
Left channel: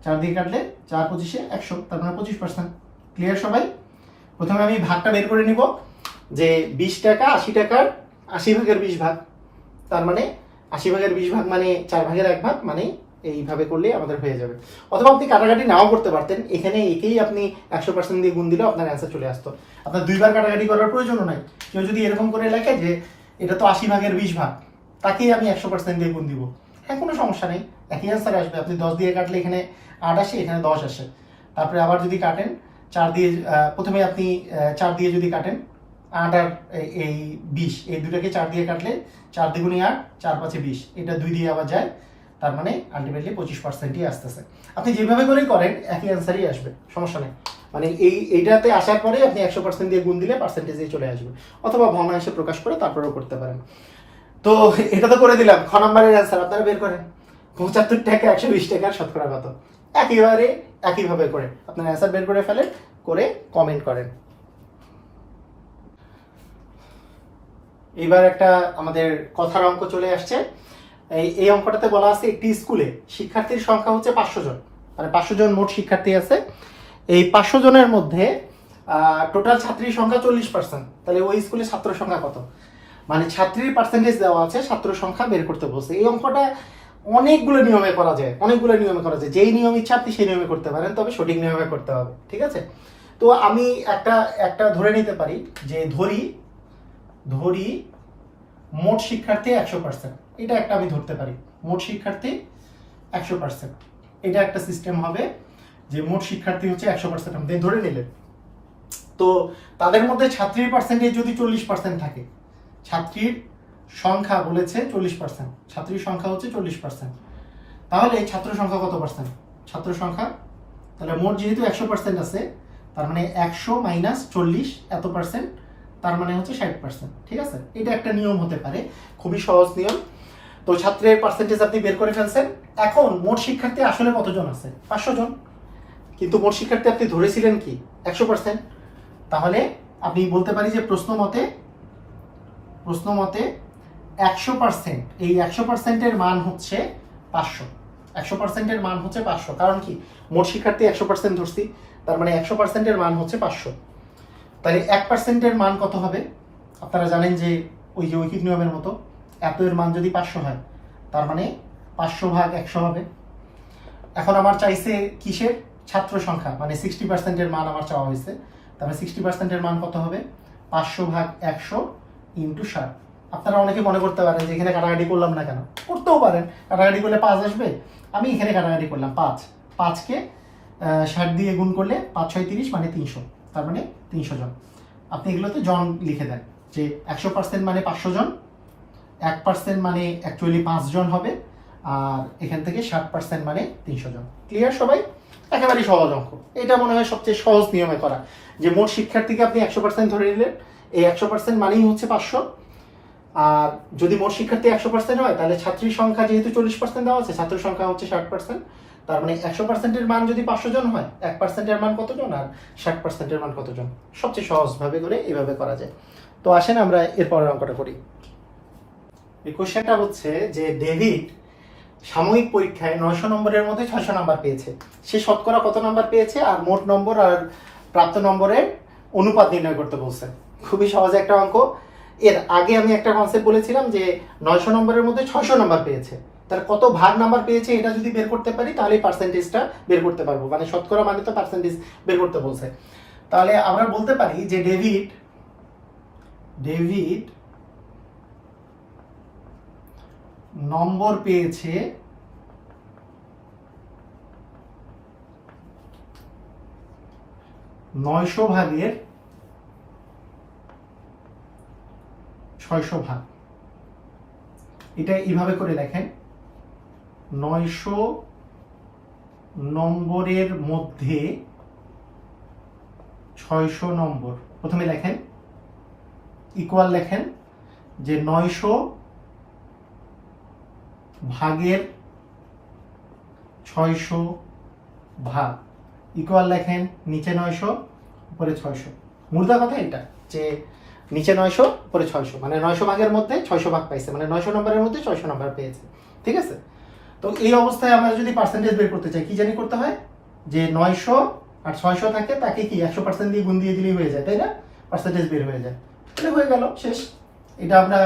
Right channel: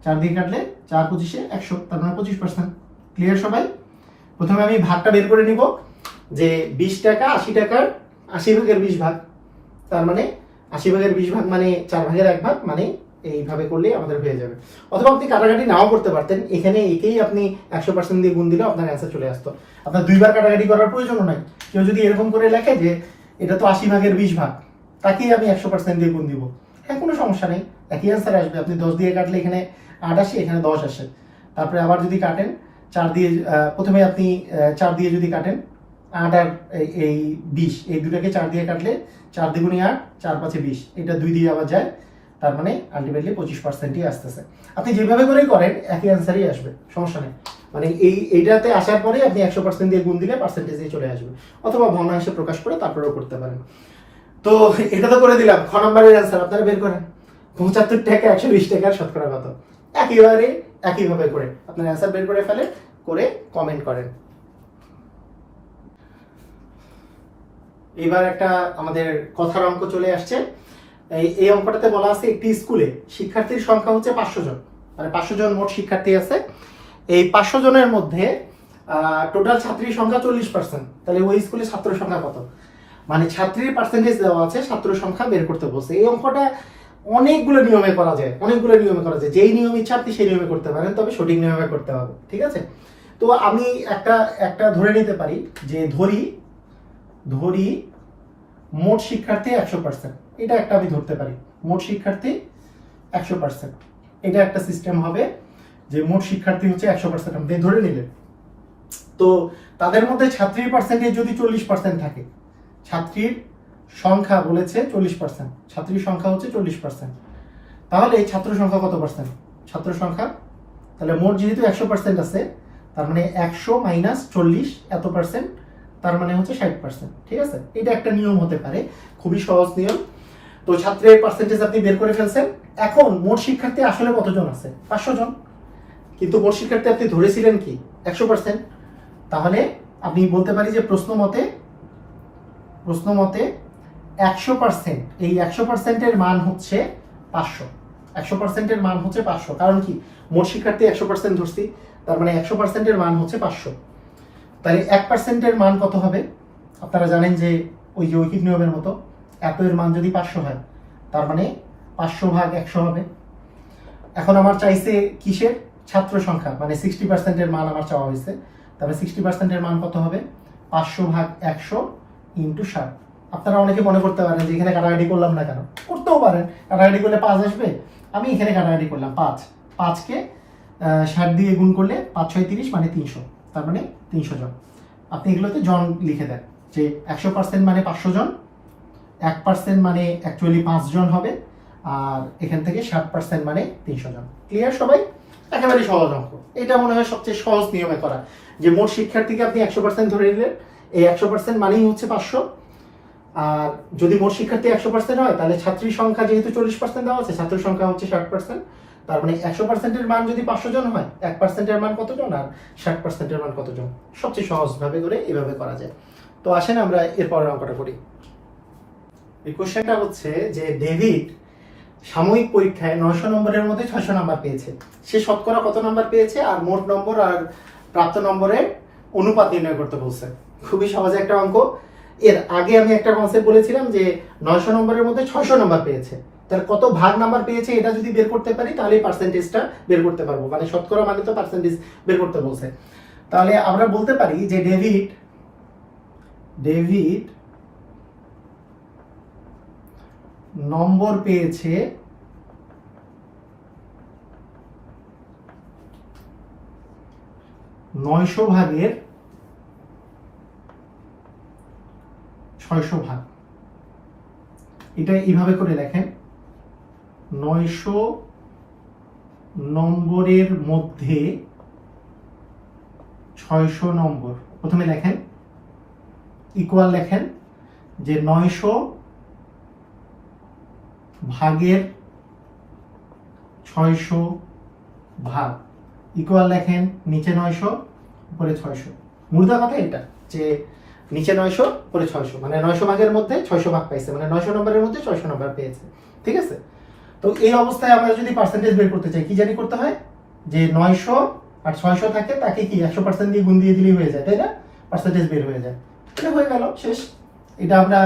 4 দিয়ে কাটলে 4×25 100, তার মানে 25%। ক্লিয়ার সবাই? প্রথমে আমি ভাগটা বের করে নিব যে 20 টাকা 80 টাকার 80/20 ভাগ, তার মানে 80/20 ভাগ মানে 4/1 ভাগ, মানে এইভাবে করলে আমাদের হয়ে যাবে। অথবা আপনি কাটাকাটি নাও করতে পারতেন, এখানে একেই আপনি 100% দিয়ে গুণ দিলে আপনার অ্যান্সার চলে আসতো, আপনার দুইবার কাটাকাটি করার প্রয়োজনও নাই। কেউ যদি এরকম করে লেখে যে এটা তো 80/20 ভাগ, তাকেই আমি 100% দিয়ে গুণ দিব, হ্যাঁ কোনো সমস্যা নেই, একই অ্যান্সার আসবে। আপনি 10 দিয়ে কাটলে এখানে 8 আসে, এখানে 10 আসে, তারপরে আবার যদি কাটেন 4 দিয়ে, প্রথমে আপনি 4 দিয়ে যদি কাটেন 8 আর এই 20, এই দুটাকে 4 দিয়ে কাটলে 4 দ্বিগুণে 8, 4×5 20, এটা 2 দিয়ে আবার যায়, তার মানে আলটিমেটলি 25%ই আসতেছে। আপনি যেভাবে করেই করেন একই অ্যান্সারই আসবে, সমস্যা নেই। মানে এইটাতে আসার পরে আপনি 100% দিয়ে গুণ দিলে পার্সেন্টেজে চলে আসবে, অথবা ভগ্নাংশে প্রকাশ করে তারপরেও করতে পারেন। তো এটা তো করে দিলাম, খ নম্বরের অ্যান্সার আপনারা বের করেন। 75 টাকা 120 টাকার শতকরা কত, একইভাবে করে আপনার অ্যান্সার বের করে ফেলেন, করে কমেন্ট করেন। এবার একটা আমাদের কথার অঙ্ক চলে আসছে। এই অঙ্কটাতে বলা আছে একটি স্কুলে শিক্ষার্থীর সংখ্যা হচ্ছে 500 জন, মানে 500 জন মোট শিক্ষার্থী আছে। এই 500 জনের মধ্যে টোটাল ছাত্রীর সংখ্যা 40%, তাহলে ওই স্কুলে ছাত্র সংখ্যা কত, মানে ছাত্রীর পার্সেন্টেজ দেওয়া আছে, ছাত্র সংখ্যা বের করতে বলছে। এই অঙ্কটা অনেকগুলো নিয়মে করা যায়, যেই নিয়ম ইচ্ছা আপনি সেই নিয়মে করতে পারেন, তবে সঠিক নিয়মে করতে হবে। ঠিক আছে? তো আমি একটা ধরে নিতে পারি যে ধরি মোট শিক্ষার্থী 100%, এটা একটা আমি ধরতে পারি, মোট শিক্ষার্থী 100%, এটা একটা সিস্টেম হবে যে মোট শিক্ষার্থী হচ্ছে 100%, আপনি ধরে নিলেন। তো তাদের মধ্যে ছাত্রীর পার্সেন্টেজ যদি 40% থাকে, ছাত্রীর সংখ্যা বলেছে 40%, ছাত্রীর সংখ্যা হচ্ছে 40%, তাহলে ছাত্র সংখ্যা কত পার্সেন্ট, ছাত্র সংখ্যা, তাহলে মোট যেহেতু 100% আছে, তার মানে 100 - 40 এত পার্সেন্ট, তার মানে হচ্ছে 60%। ঠিক আছে? এটা একটা নিয়ম হতে পারে, খুবই সহজ নিয়ম। তো ছাত্রের পার্সেন্টেজ আপনি বের করে ফেলছেন। এখন মোট শিক্ষার্থী আসলে কতজন আছে, 500 জন, কিন্তু মোট শিক্ষার্থী আপনি ধরেছিলেন কি 100%, তাহলে আপনি বলতে পারি যে প্রশ্ন মতে 100%, এই 100%-এর মান হচ্ছে 500, 100%-এর মান হচ্ছে 500, কারণ কি মোট শিক্ষার্থী 100% ধরছি, তার মানে 100%-এর মান হচ্ছে 500। তাহলে 1%-এর মান কত হবে, আপনারা জানেন যে ওই যে ঐকিক নিয়মের মতো, এত এর মান যদি 500 হয়, তার মানে 500/100 হবে। এখন আমার চাইছে কিসের, ছাত্র সংখ্যা, মানে 60%-এর মান আমার চাওয়া হয়েছে, তাহলে 60%-এর মান কত হবে, 500/100 × 60। আপনারা অনেকে মনে করতে পারেন যে এখানে কাটাকাটি করলাম না কেন, করতেও পারেন, কাটাকাটি করলে 5 আসবে, আমি এখানে কাটাকাটি করলাম 5কে 60 দিয়ে গুণ করলে 5 × 6 = 30, মানে 300, তার মানে 300 জন। আপনি এগুলোতে জন লিখে দেন যে 100% মানে 500 জন, 1% মানে অ্যাকচুয়ালি 5 জন হবে, আর এখান থেকে 60% মানে 300 জন। ক্লিয়ার সবাই? একেবারেই সহজ অঙ্ক, এটা মনে হয় সবচেয়ে সহজ নিয়মে করা, যে মোট শিক্ষার্থীকে আপনি 100% ধরে নিলেন, এই 100% মানেই হচ্ছে 500, আর যদি মোট শিক্ষার্থী 100% হয়, তাহলে ছাত্রীর সংখ্যা যেহেতু 40% দেওয়া আছে, ছাত্র সংখ্যা হচ্ছে 60%, তার মানে 100%-এর মান যদি 500 জন হয়, 1%-এর মান কতজন আর 60%-এর মান কতজন, সবচেয়ে সহজভাবে করে এভাবে করা যায়। তো আসেন আমরা এরপরের অঙ্কটা করি। এই কোশ্চেনটা হচ্ছে যে ডেভিড সাময়িক পরীক্ষায় 900 নম্বরের মধ্যে 600 নাম্বার পেয়েছে, সে শতকরা কত নাম্বার পেয়েছে আর মোট নম্বর আর প্রাপ্ত নম্বরের অনুপাত নির্ণয় করতে বলছে। খুবই সহজ একটা অঙ্ক। এর আগে আমি একটা কনসেপ্ট বলেছিলাম যে 900 নম্বরের মধ্যে 600 নাম্বার পেয়েছে, তার কত ভাগ নাম্বার পেয়েছে এটা যদি বের করতে পারি, তাহলে পার্সেন্টেজটা বের করতে পারবো, মানে শতকরা মানে তো পার্সেন্টেজ বের করতে বলছে। তাহলে আমরা বলতে পারি যে ডেভিড ডেভিড নম্বর পেয়েছে 900 ভাগের 600 ভাগ। এটা এইভাবে করে লেখেন, 900 নম্বরের মধ্যে 600 নম্বর। প্রথমে লেখেন ইকুয়াল, লেখেন যে 900 ভাগের 600 ভাগ ইকুয়াল, লেখেন নিচে 900 উপরে 600। মুদ্রা কথা এটা যে নিচে 900 উপরে 600, মানে 900 ভাগের মধ্যে 600 ভাগ পাইছে, মানে 900 নম্বরের মধ্যে 600 নম্বর পেয়েছে। ঠিক আছে, তো এই অবস্থায় আমরা যদি পার্সেন্টেজ বের করতে চাই কি জানি করতে হয়, যে 900 আর 600 থাকে তাকে কি 100% দিয়ে গুণ দিয়ে দিলেই হয়ে যায়, তাই না? পার্সেন্টেজ বের হয়ে যায়, এটা হয়ে গেল শেষ। এটা আমরা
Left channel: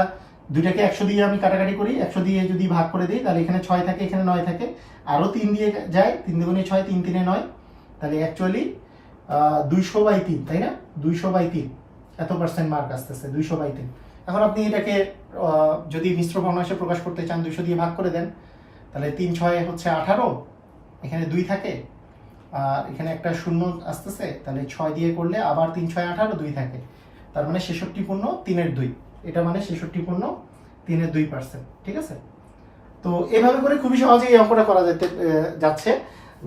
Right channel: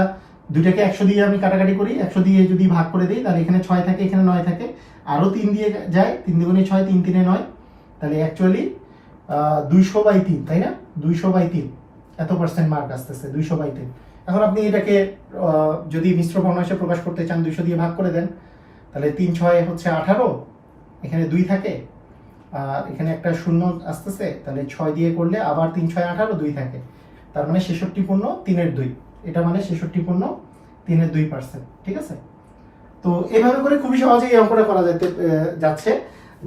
দুইটাকে 100 দিয়ে আমি কাটাকাটি করি, 100 দিয়ে যদি ভাগ করে দিই তাহলে এখানে 6 থাকে, এখানে 9 থাকে, আরো 3 দিয়ে যায়, 3 দুগুণে 6, 3 তিনে 9, তাহলে অ্যাকচুয়ালি 200/3, তাই না? 200/3 এত পার্সেন্ট মার্ক আসতেছে, 200/3। এখন আপনি এটাকে যদি মিশ্র ভগ্নাংশে প্রকাশ করতে চান, 200 দিয়ে ভাগ করে দেন, তাহলে 3 6 হচ্ছে 18, এখানে 2 থাকে, আর এখানে একটা শূন্য আসতেছে, তাহলে 6 দিয়ে করলে আবার 3 6 18, 2 থাকে, তার মানে 66/3 এটা মানে 66/3%। ঠিক আছে, তো এভাবে করে খুবই সহজে এই অঙ্কটা করা যাচ্ছে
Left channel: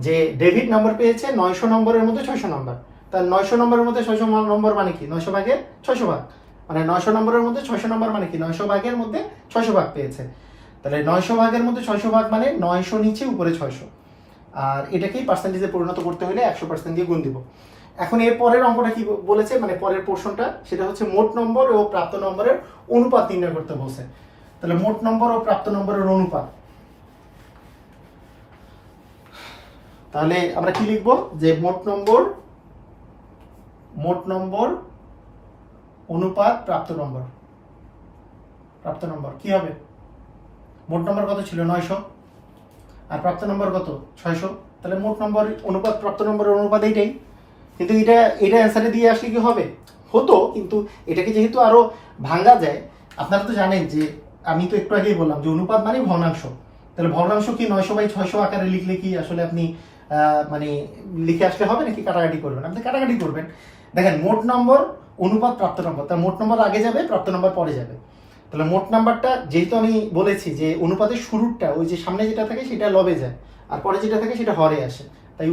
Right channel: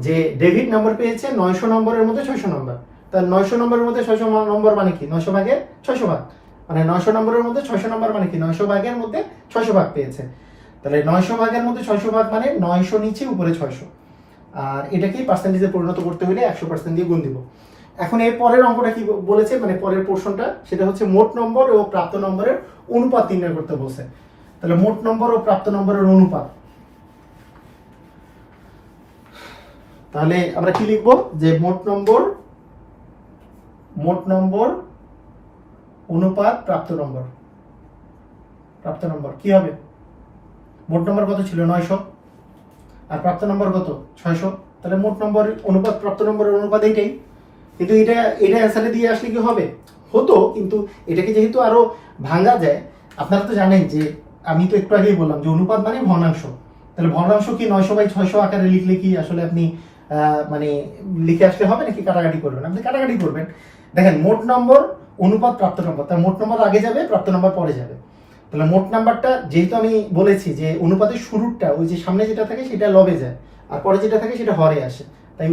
যে ডেভিড নম্বর পেয়েছে 900 নম্বরের মধ্যে 600 নম্বর। তাহলে 900 নম্বরের মধ্যে 600 নম্বর মানে কি? 900 ভাগের 600 ভাগ, মানে 900 নম্বরের মধ্যে 600 নম্বর মানে কি? 900 ভাগের মধ্যে 600 ভাগ পেয়েছে। তাহলে 900 ভাগের মধ্যে 600 ভাগ মানে 900 নিচে উপরে 600, আর এটাকেই পার্সেন্টেজে পরিণত করতে হলে 100% দিয়ে গুণ দিব। এখন এর পরের অঙ্কটা কি বলেছে, মানে পরের পোর্শনটা, সেটা হচ্ছে মোট নম্বর ও প্রাপ্ত নম্বরের অনুপাত নির্ণয় করতে বলছে। তাহলে মোট নম্বর ও প্রাপ্ত নম্বরের অনুপাত, তাহলে আমরা কি লিখবো, যে মোট নম্বর অনুপাত প্রাপ্ত নম্বর কি হবে? মোট নম্বর কত ছিল? 900, আর প্রাপ্ত নম্বর কত? 600। তাহলে মোট নম্বর অনুপাত প্রাপ্ত নম্বরের অনুপাত এইটাই। কিন্তু এটা অ্যান্সারে দিয়ে আসলে কি হবে? হতো, কিন্তু এটাকে যেহেতু আরো ভাঙা যায়, আপনারা তো জানেন যে আমি তো একটু আগেই বললাম যে অনুপাত মানে ভগ্নাংশ। তাহলে ভগ্নাংশ কি 900/600 আকারে লিখলে কি আসলে আপনি মানে লিখে আসলে হবে নাকি কাটাকাটি করবেন? আপনি কাটাকাটি করবেন। দেখেন, মোট নম্বর অনুপাত প্রাপ্ত নম্বর, তার মোট নম্বর আগে যাবে, প্রাপ্ত নম্বর পরে যাবে। তাহলে মোট নাম্বারটা, যেহেতু আমি বলেছি যে অনুপাতের শুরুটা ওই যে সামনে যেটা থাকে সেটা লবে যায়, আর পরে যেটা থাকে সেটা হরে আসে, তাই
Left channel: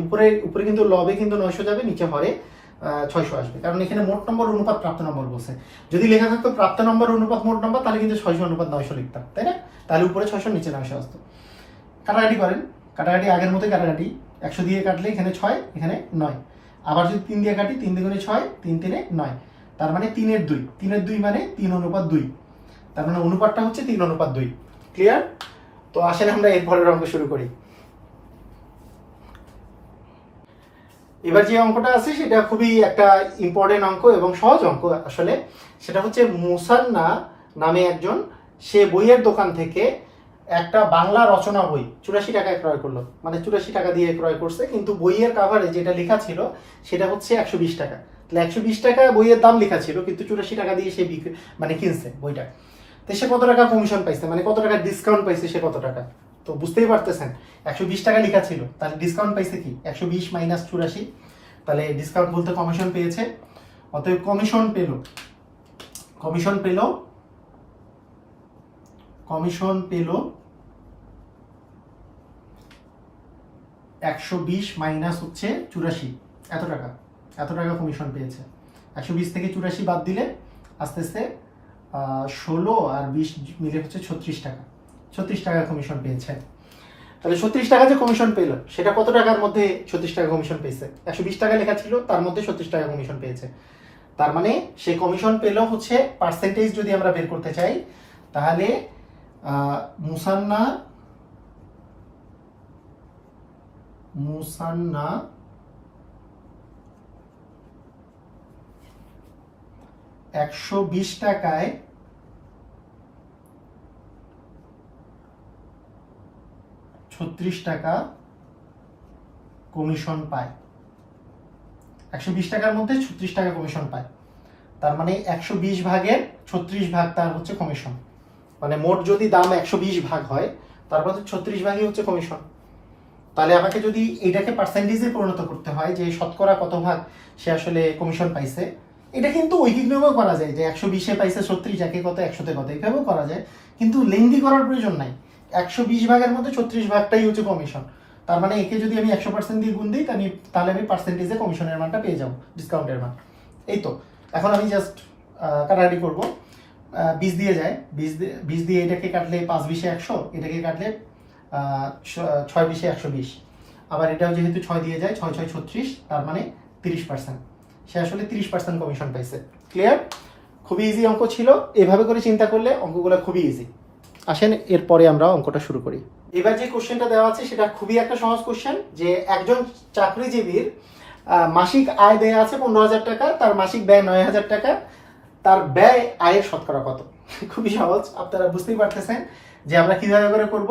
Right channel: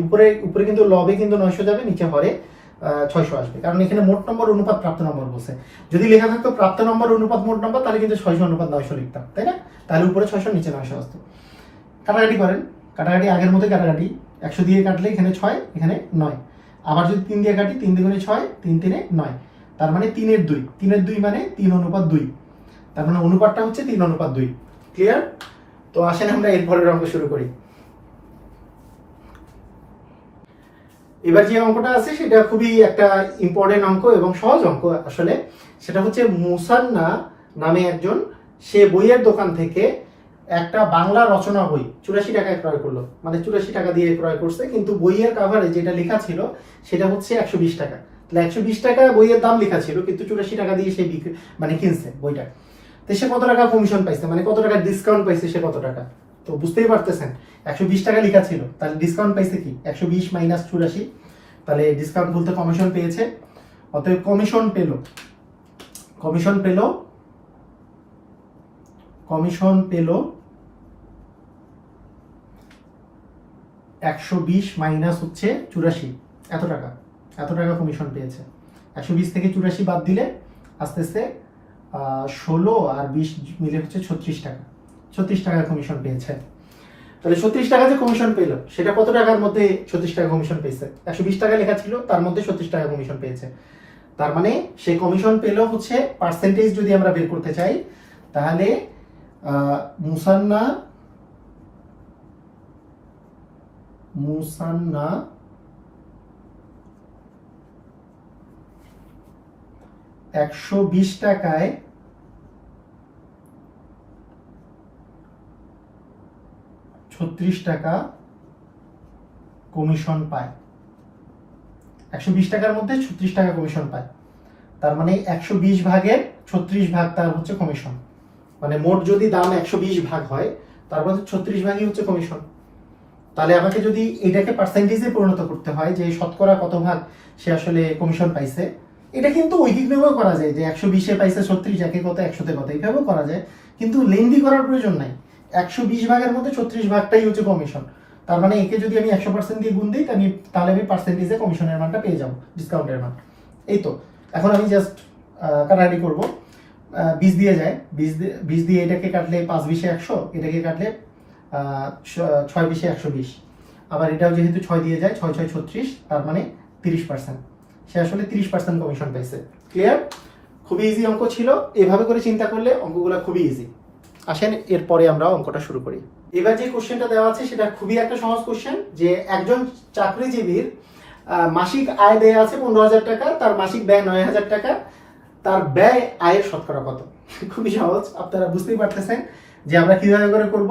উপরে কিন্তু লবে কিন্তু 900 যাবে, নিচে হরে 600 আসবে, কারণ এখানে মোট নম্বর অনুপাত প্রাপ্ত নম্বর বলছে। যদি লেখা থাকতো প্রাপ্ত নম্বর অনুপাত মোট নম্বর, তাহলে কিন্তু 600 অনুপাত 900 লিখতাম, তাই না? তাহলে উপরে 600 নিচে 900 আসতো। কাটাকাটি করেন, কাটাকাটি আগের মতোই কাটাকাটি, 100 দিয়ে কাটলে এখানে 6, এখানে 9, আবার যদি 3 দিয়ে কাটি, 3 দুগুণে 6, 3 তিনে 9, তার মানে 3/2 মানে 3/2, তার মানে অনুপাতটা হচ্ছে 3/2। ক্লিয়ার? তো আসেন আমরা এরপরের অঙ্ক শুরু করি। এবার যে অঙ্কটা আছে সেটা খুবই একটা ইম্পর্টেন্ট অঙ্ক এবং সহজ অঙ্ক আসলে। সেটা হচ্ছে মুসান্না নামে একজন, সে বইয়ের দোকান থেকে একটা বাংলা রচনা বই 84 টাকায় ক্রয় করলো, মানে 84 টাকা দিয়ে ক্রয় করছে, কিন্তু বইয়ের কাভারে যেটা লেখা ছিল সেটা হচ্ছে 120 টাকা। তাহলে 120 টাকায় বইয়ের দাম লেখা ছিল, কিন্তু 84 টাকা দিয়ে সে মানে কিনছে বইটা। তো সে কত টাকা কমিশন পাইছে, মানে কত টাকা ডিসকাউন্ট পাইছে, সে কত টাকা? তো বুঝতেই পারতেছেন, 120 টাকা লেখা ছিল, তাহলে ডিসকাউন্ট পাইছে কি? 120 মাইনাস 84, তাহলে ডিসকাউন্ট বলতে কমিশন পেয়েছে। অতএব কমিশন পেল 120 মাইনাস হচ্ছে 84, এত টাকা কমিশন পেয়েছে। 120 থেকে 84 বাদ দিলে আস্তে আস্তে 16 আর 20 মিলে হচ্ছে 36 টাকা। 36 টাকা কমিশন পেয়েছে। তাহলে 36 টাকা যে কমিশন পেল, সেটা কত টাকার মধ্যে 36 টাকা কমিশন পেয়েছে? 120 টাকা লেখা ছিল, তার মধ্যে 36 টাকা কমিশন পেয়েছে। তার মানে সে কমিশন পেল হচ্ছে, পার্সেন্টেজ যদি আমরা বের করতে চাই, তাহলে মুসান্না 120 টাকায় 36 টাকা কমিশন পায়। 120 টাকার মধ্যে 36 টাকা কমিশন পায়, তার মানে 120 ভাগের 36 ভাগ তার হচ্ছে কমিশন। মানে মোট যদি দাম 120 ভাগ হয় তার মধ্যে 36 ভাগই হচ্ছে কমিশন। তাহলে আমাকে যদি এটাকে পার্সেন্টেজে পরিণত করতে হয় যে শতকরা কত ভাগ সে আসলে কমিশন পাইছে, এটা কিন্তু ঐকিকভাবেও করা যায় যে 120-এ পাইছে 36, একে কত 100-তে কত, এইভাবেও করা যায়, কিন্তু লেন্দি করার প্রয়োজন নাই। 120 ভাগের মধ্যে 36 ভাগটাই হচ্ছে কমিশন। তার মানে একে যদি আমি 100% দিয়ে গুণ দিই তাহলে আমি পার্সেন্টেজে কমিশনের মানটা পেয়ে যাবো, ডিসকাউন্টের মান। এই তো, এখন আমি জাস্ট কাটাকাটি করবো। 20 দিয়ে যায়, 20 দিয়ে এটাকে কাটলে 5-20-এ 100, এটাকে কাটলে 6-20-এ 120। আবার এটাও যেহেতু 6 দিয়ে যায়, 6-6 36, তার মানে 30%। সে আসলে 30% কমিশন পাইছে। ক্লিয়ার? খুবই ইজি অঙ্ক ছিল, এভাবে করে চিন্তা করলে অঙ্কগুলো খুবই ইজি। আসেন এরপরে আমরা অঙ্কটা শুরু করি। এবার যে কোশ্চেনটা দেওয়া আছে সেটা খুবই একটা সহজ কোশ্চেন, যে একজন চাকরিজীবীর মাসিক আয় ব্যয় আছে 15,000 টাকা, তার মাসিক ব্যয় 9,000 টাকা, তার ব্যয় আয়ের শতকরা কত? খুবই সহজ, আপনারা বুঝতেই পারতেছেন যে আমরা কিভাবে করে করব।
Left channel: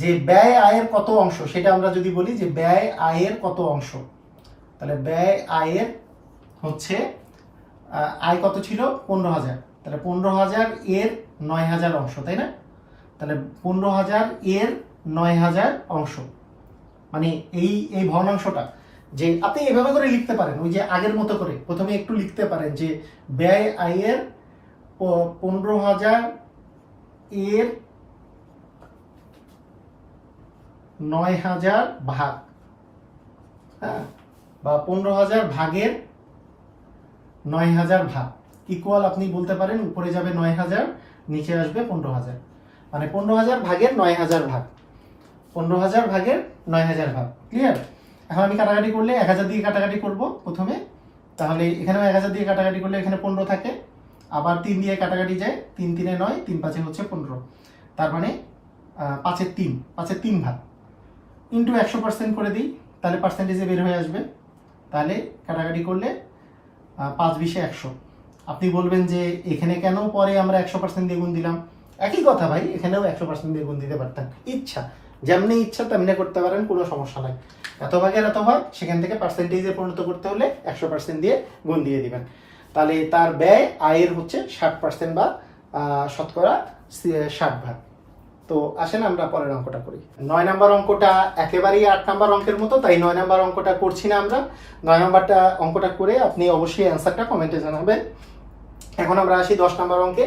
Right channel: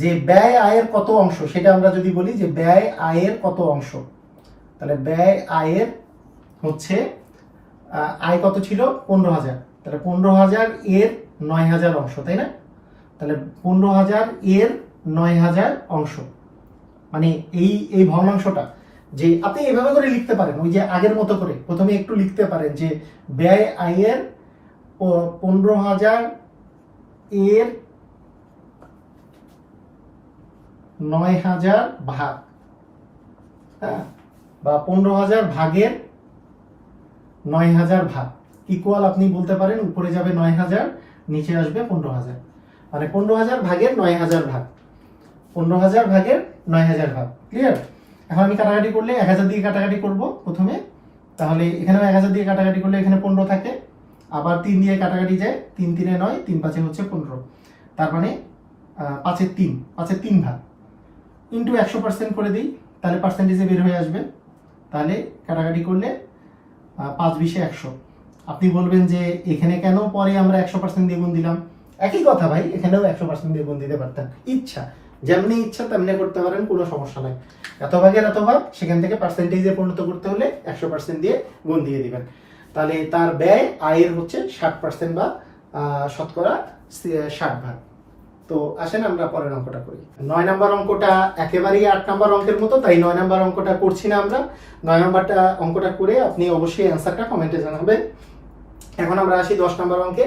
যে ব্যয় আয়ের কত অংশ সেটা আমরা যদি বলি যে ব্যয় আয়ের কত অংশ, তাহলে ব্যয় আয়ের হচ্ছে আয় কত ছিল 15,000, তাহলে 15,000 এর 9,000 অংশ, তাই না? তাহলে 15,000 এর 9,000 অংশ, মানে এই ভগ্নাংশটা যে আপনি এভাবে করে লিখতে পারেন, ওই যে আগের মতো করে প্রথমে একটু লিখতে পারেন যে ব্যয় আয়ের 15,000 এর 9,000 ভাগ, হ্যাঁ, বা 15,000 ভাগের 9,000 ভাগ ইকুয়াল, আপনি বলতে পারেন উপরে যাবে 9,000, নিচে আসবে 15,000, মানে 15,000 ভাগের 9,000 ভাগ, 15,000 ভাগের 9,000 ভাগ। ক্লিয়ার? এখন আমি কাটাকাটি করলে 1,000 দিয়ে কাটাকাটি করব প্রথমে, তাহলে এখানে 1,000 দিয়ে কাটাকাটি করলে এখানে 15 থাকে, আবার 3 দিয়ে কাটাকাটি যায়, 3 3-এ 9, 3 5-এ হচ্ছে 15, তার মানে 5-এর 3 ভাগ ইন্টু 100% করে দিই, তাহলে পার্সেন্টেজে বের হয়ে আসবে। তাহলে কাটাকাটি করলে 5-20-এ 100। আপনি বলবেন যে এখানে কেন পরে আমরা 100% দিয়ে গুণ দিলাম? একই কথা ভাই, এখানেও 100% দিয়ে গুণ দিতে পারতেন, ইচ্ছা যেমনি ইচ্ছা তেমনি করতে পারেন, কোনো সমস্যা নাই। এত ভাগের এত ভাগ, সেখান থেকে পার্সেন্টেজে পরিণত করতে হলে 100% দিয়ে গুণ দিয়ে দিবেন। তাহলে তার ব্যয় আয়ের হচ্ছে 60% বা শতকরা 60 ভাগ। তো আসেন আমরা পরের অঙ্কটা করি। 9 নম্বর অঙ্কটা একেবারেই 8 নম্বর অঙ্কের মতো, তাই 9 নম্বর অঙ্কটা করছি না আমরা। 9 নম্বরটা অঙ্কটা করে আপনি অবশ্যই অ্যান্সারটা কমেন্টে জানাবেন। এখন আমরা আসি 10 নম্বর অঙ্কে।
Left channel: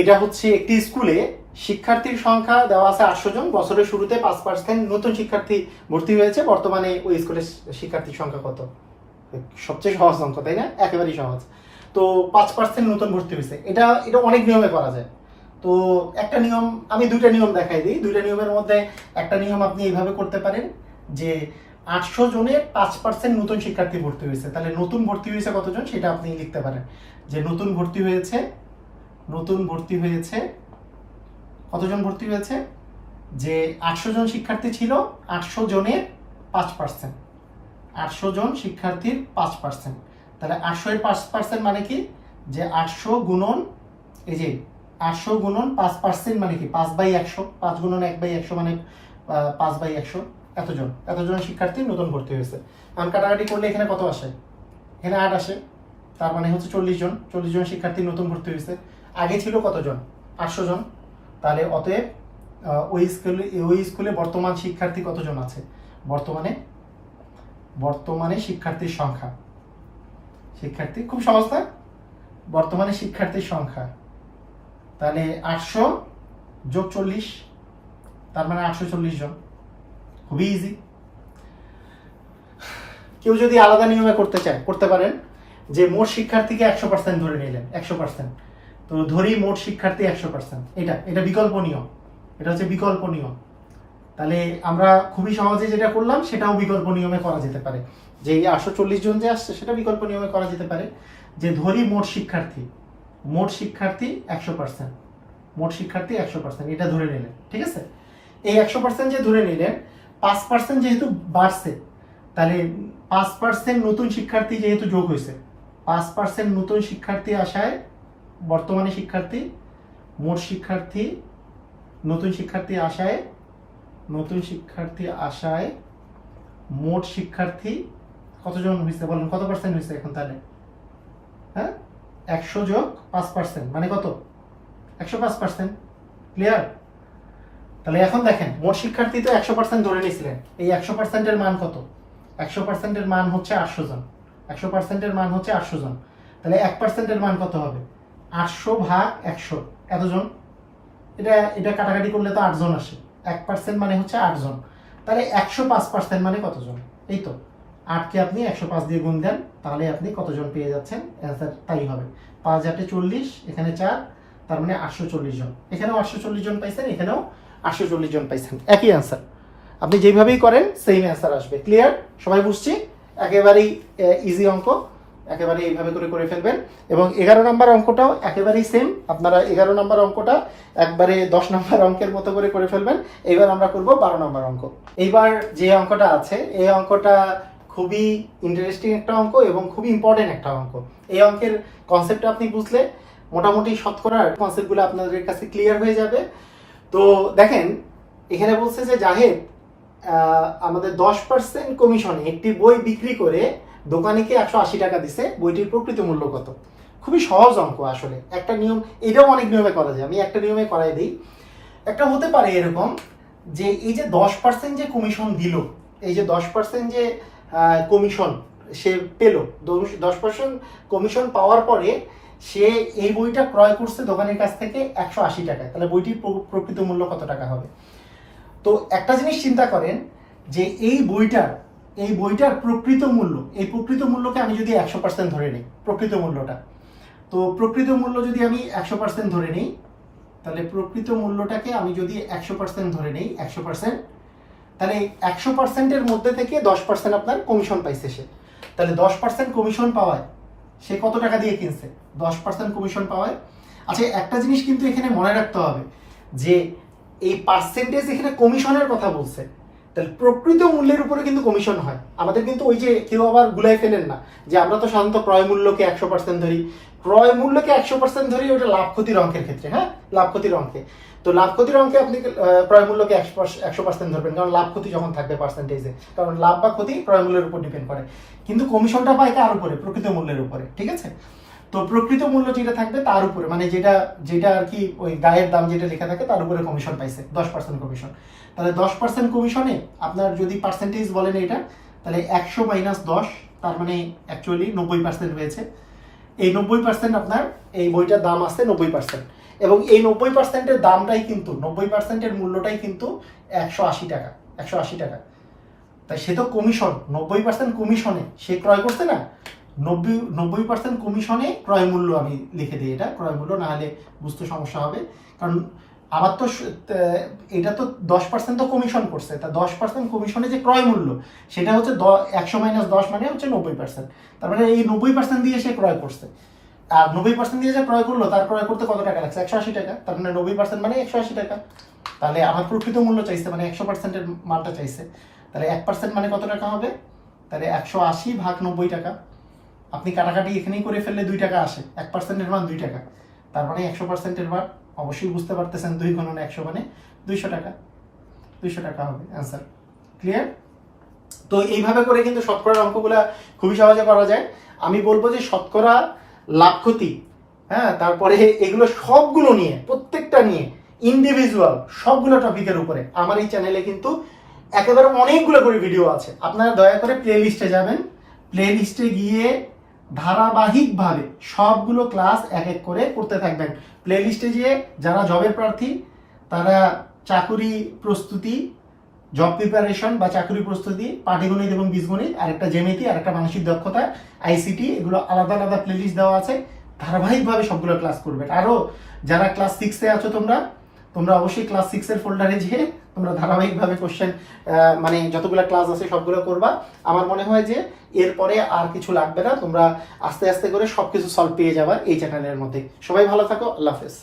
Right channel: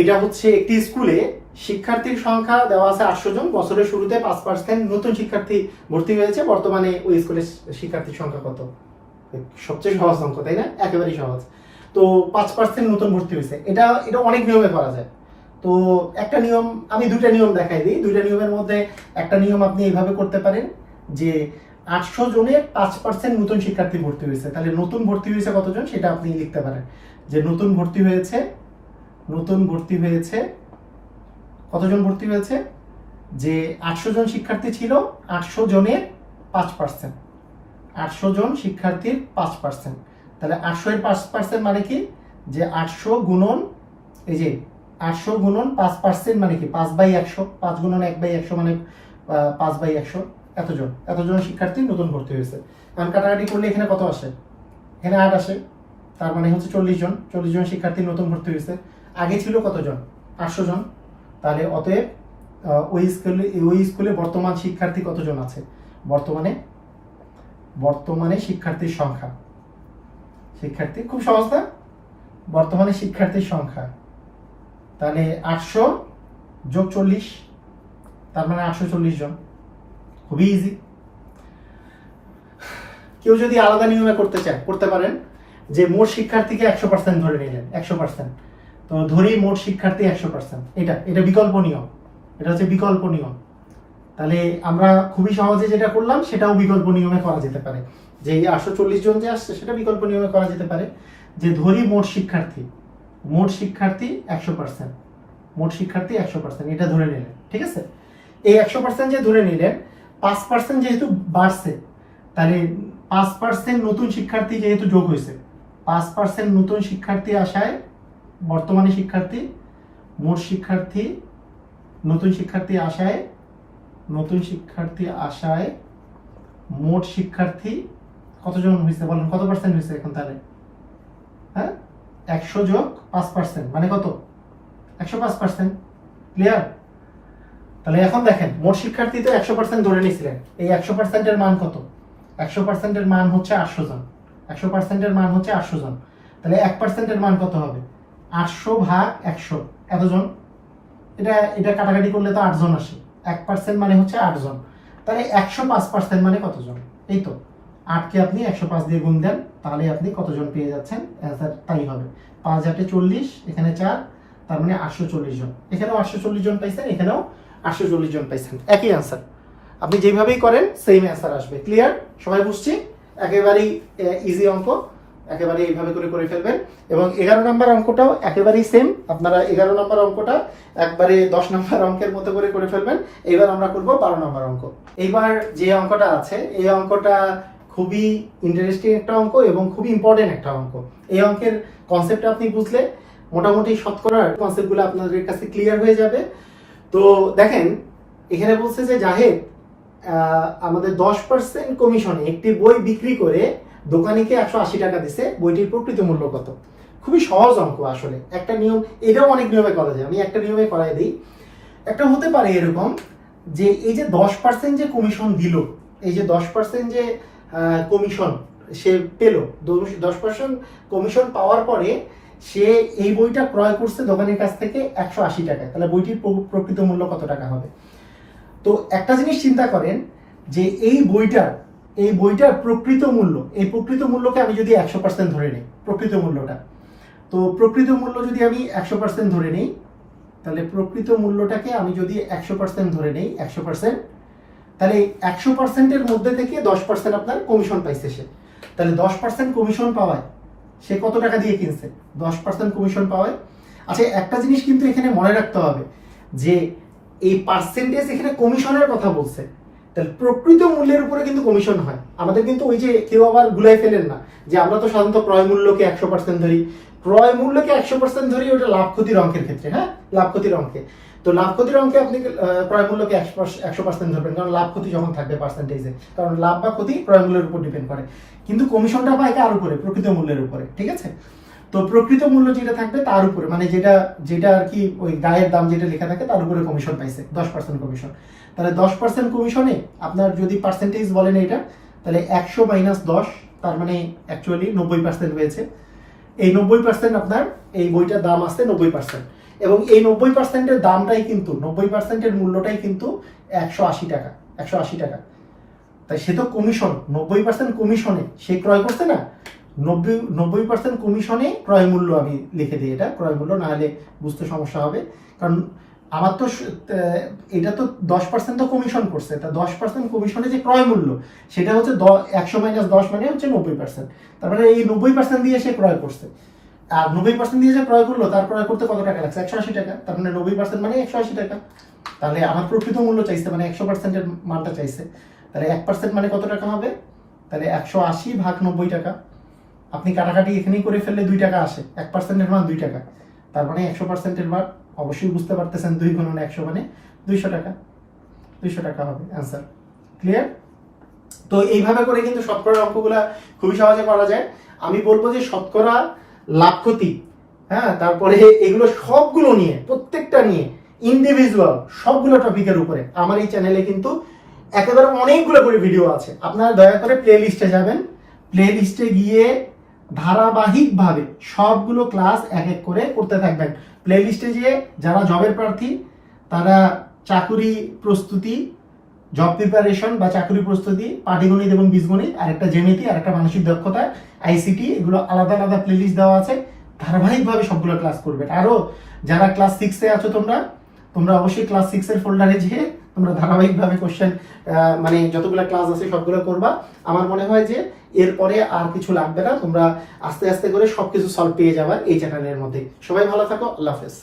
এটা হচ্ছে একটি স্কুলে শিক্ষার্থীর সংখ্যা দেওয়া আছে 800 জন, বছরের শুরুতে 5% নতুন শিক্ষার্থী ভর্তি হয়েছে, বর্তমানে ওই স্কুলের শিক্ষার্থীর সংখ্যা কত? সবচেয়ে সহজ অঙ্ক, তাই না? একেবারেই সহজ। তো 5% নতুন ভর্তি হয়েছে, এটা অনেক নিয়মে করা যায়। তো একটা নিয়ম, আমি দুইটা নিয়ম দেখাই দিই। দুইটা নিয়মের মধ্যে একটা নিয়ম আপনি এইভাবে করতে পারেন যে 800 জনের 5% নতুন শিক্ষার্থী ভর্তি হয়েছে, তাহলে নতুন ভর্তি হয়েছে কতজন সেটা আপনি লিখতে পারেন যে নতুন ভর্তি হয়েছে কতজন ভর্তি হয়েছে, যে 800 জন শিক্ষার্থী ছিল, 800 জনের 5%, 800 জন শিক্ষার্থীর 5%, তাহলে 800 এর 5% মানে কি, যে 800 গুণন, এই যে 800 গুণন 5% মানে কি 5/100, 5 গুণন 1/100 মানে 5/100, এতজন শিক্ষার্থী নতুন ভর্তি হয়েছে। এখন কাটাকাটি করলে এখানে কত আসে? এখানে 8 আসে, তার মানে হচ্ছে 40 জন শিক্ষার্থী নতুন ভর্তি হয়েছে। আগে ছিল কতজন? 800 জন। তাহলে অতএব ওই স্কুলে বর্তমান শিক্ষার্থী কতজন আছে? বর্তমানে শিক্ষার্থীর সংখ্যা, খুব সহজ না? বর্তমানে শিক্ষার্থীর সংখ্যা, তাহলে 800 যোগ 40, তার মানে 840 জন। খুবই ইজি। কেউ যদি আলাদা নিয়মে করতে চায় করতে পারেন, যে মোট শিক্ষার্থীকে 100% ধরে নিলেন, 100%। তো ধরি মোট শিক্ষার্থী 100%, এটা বিকল্প নিয়ম, এটা হচ্ছে বিকল্প নিয়ম। তাহলে আমরা খুবই সহজে যেটা করলাম সেটাও বিকল্প নিয়মে করা যেতে পারে, যে এই 840 জন যে আসছে সেটা বিকল্প নিয়মে করা যেতে পারে, যে ধরি মোট শিক্ষার্থী 100%, এটা ধরে নিলেন, ঠিক আছে? এই 100% যে ধরে নিলেন, 5% যেহেতু বাড়ছে, তাহলে 5% নতুন শিক্ষার্থী যেহেতু যোগ হয়েছে, 5% নতুন শিক্ষার্থী আসায় বর্তমানে শিক্ষার্থী, মোট শিক্ষার্থী, নতুন শিক্ষার্থী আসায় মোট শিক্ষার্থী কতজন হয়েছে বলেন? কত পার্সেন্ট হয়েছে এখন? তাহলে হ্যাঁ, 100 যোগ 5% মানে কত? 105%। ক্লিয়ার? তাহলে এখন দেখেন মোট শিক্ষার্থী তো 100% ধরে নিয়েছিলেন, এই 100% এর মান কত? 100% এর মান হচ্ছে 800 জন। 100% এর মান হচ্ছে 800 জন। তাহলে 1% এর মান কত হবে? 800 ভাগ 100 এতজন। এটা কাটাকাটি করলে তো 8 জন আসে। 1% মানে হচ্ছে 8 জন। তাহলে 105% মানে কতজন? এই তো 8 কে আপনি 105 দিয়ে গুণ দেন, তাহলে আপনি কতজন পেয়ে যাচ্ছেন? অ্যান্সার তাই হবে 5 8 40, এখানে 4, তার মানে 840 জন। এখানেও 840 জন পাইছেন, এখানেও 840 জন পাইছেন, একই অ্যান্সার। আপনি যেভাবেই করেন সেম অ্যান্সার আসবে। ক্লিয়ার? সবাই বুঝছি? একেবারেই ইজি অঙ্ক, একেবারে এইভাবে করে ফেলবেন। এবং 11 নম্বর অঙ্কটাও একেবারেই সেম। আপনারা 11 নম্বর অঙ্কটা একবারে 10 নম্বর অঙ্কের মতো করে ফেলবেন। এইবার আমরা করব 12 নম্বর অঙ্ক। এইবার যে অঙ্কটা আছে এই অঙ্কটা খুবই ইন্টারেস্টিং একটা অঙ্ক এবং খুবই ইম্পর্টেন্ট একটা অঙ্ক। এই অঙ্কের কনসেপ্টটা আপনি বুঝলে মোটামুটি শতকরার কনসেপ্টগুলো আপনাদের কাছে ক্লিয়ার হয়ে যাবে। তো দেখেন এখানে বলছে যে জাহেদ আমাদের 10% কমিশনে একটি বই বিক্রি করে দোকানিকে 180 টাকা দিছে, বইটির প্রকৃত মূল্য কত? খুবই সহজ অঙ্ক আসলে। একটা নিয়ম, এটাও অনেক নিয়মে করা যায়, আমি একটা নিয়মে করাই দিই। একটা হতে পারে এরকম যে এই যে 10% যে কমিশন দিল, এই যে 10% যে কমিশন সে পেল, 10% কমিশন পাওয়ার পরে সে এই বইটা ক্রয় করছে দোকানের কাছ থেকে 180 টাকায়। তাহলে বইটির প্রকৃত মূল্য কত টাকা হবে? তো একটা জিনিস চিন্তা করেন যে এই বইটার প্রকৃত মূল্য, এই প্রকৃত মূল্যকে আমি যদি 100% ধরে নিই, প্রকৃত মূল্যটা, তো প্রকৃত মূল্য যদি আমি 100% ধরে নিই, তাহলে প্রকৃত মূল্যটাকে আমি যদি 100% ধরে নিই, 100%, তাহলে 100% এর মধ্যে থেকে 10% আপনার কমিশন পাইছে সে। তাহলে 10% কমিশন পাওয়ায় সে কত টাকা দিয়ে কিনছে? 10% কমিশন পাওয়ায়। আচ্ছা একটা জিনিস কিন্তু এখানে মনে রাখতে হবে যে এই পার্সেন্টেজ এখানে কমিশনের কথা বলছে, তাহলে প্রকৃত মূল্যের উপরে কিন্তু কমিশন হয়। আমাদের কিন্তু ওই যে কেউ আবার গুলাই ফেলেন না যে আমরা তো সাধারণত ক্রয় মূল্যকে 100% ধরি, ক্রয় মূল্যকে 100% ধরি ওটা লাভ ক্ষতির অঙ্কের ক্ষেত্রে। হ্যাঁ, লাভ ক্ষতির অঙ্কে, তো লাভ ক্ষতির অঙ্কে আপনি ক্রয় মূল্যকে 100% ধরবেন, কারণ লাভ ক্ষতি যখন থাকবে পার্সেন্টেজে, কারণ লাভ বা ক্ষতি ক্রয় মূল্যের উপর ডিপেন্ড করে। কিন্তু কমিশনটা পায় কার উপরে? প্রকৃত মূল্যের উপরে। ঠিক আছে? তো প্রকৃত মূল্য যেটা থাকবে তার উপরে, মানে যেটা আর কি ওই গায়ের দাম যেটা লেখা থাকে তার উপরে কমিশন পাইছে, 10% কমিশন। তাহলে 10% কমিশনে আপনার যদি পার্সেন্টেজ বলেন এটা, তাহলে 100 মাইনাস 10, তার মানে অ্যাকচুয়ালি 90% হয়েছে। এই 90% আপনার এই বইটার দাম আছে 90%, এবং এই 90% এর দামটাই কিন্তু 90% এর মূল্যটাই কিন্তু 180 টাকা। 180 টাকা, তাই সে তো কমিশন 90% কমিশনে সে ক্রয় করছে না, 90% কমিশনে ক্রয় মূল্য আমি লিখে দিই, এটা ক্রয় মূল্য, না হলে বুঝতে সমস্যা হবে। কারণ আমার তো এটা তো 10% তো কমিশন করছে, তা 10% কমিশনে যে ক্রয় মূল্য সেটা হচ্ছে 100 মাইনাস 10 মানে হচ্ছে 90%। তার মানে এই 90% দিয়ে সে ক্রয় করছে, আর 90% দিয়ে যে ক্রয় করলো তার ক্রয় করতে কত টাকা লাগছে? 180 টাকা। তার মানে 90% মানে 180 টাকা। তাহলে আমার প্রকৃত মূল্য চাইছে, মানে 100% এর মানটা চাইছে, তাহলে 1% মানে কত টাকা হবে? তাহলে 180 ভাগ 90 টাকা। আপনি কাটাকাটি এখানেই করে ফেললে 2 টাকা আসে, 1% এর মান 2 টাকা। তার মানে 100% এর মান অবশ্যই বুঝতে পারতেছেন, 2 গুণন 100 মানে 200 টাকা। 200 টাকা হবে অ্যান্সার। ক্লিয়ার? তো এইভাবে করে কিন্তু শতকরার অঙ্কগুলা খুবই সহজে করা যায়। আমি বলবো যে শতকরা, লাভ ক্ষতি, হ্যাঁ, তারপরে এগুলো সবগুলো নিয়ে, প্রত্যেকটা নিয়ে ইন্ডিভিজুয়াল সবগুলো টপিকের উপরে আমার এই চ্যানেলে কিন্তু একেবারে অনেকগুলো করে ভিডিও আছে। আপনারা দয়া করে প্লে লিস্টে যাবেন, প্লে লিস্টে গিয়ে ধারাবাহিকভাবে সবগুলো ক্লাস এক এক করে করতে থাকবেন। প্লে লিস্টে গিয়ে যারা জবের প্রার্থী তারা চাকুরি প্রস্তুতি, জব প্রিপারেশন বা চাকরি প্রস্তুতি, পাটিগণিত এবং বীজগণিত, আর একটা জ্যামিতি, আর একটা মানসিক দক্ষতা, আইসিটি, এগুলো আলাদা আলাদা প্লেলিস্ট দেওয়া আছে। ধারাবাহিকভাবে সবগুলো ক্লাস করবে। আরো যারা ক্লাস 6-এ আছো তোমরা অবশ্যই ক্লাস 6 এর ফোল্ডারে যেয়ে তোমরা ধারাবাহিকভাবে কোশ্চেন, মানে যতগুলো ক্লাস আছে সবগুলো করবা। আমার মনে হয় যে এরপরে আর কিছু লাগবে না, তোমরা আস্তে আস্তে করে সবকিছু সলভ পেয়ে যাবা এই চ্যানেলের মধ্যে। সবাই ভালো থাকো, আল্লাহ হাফেজ।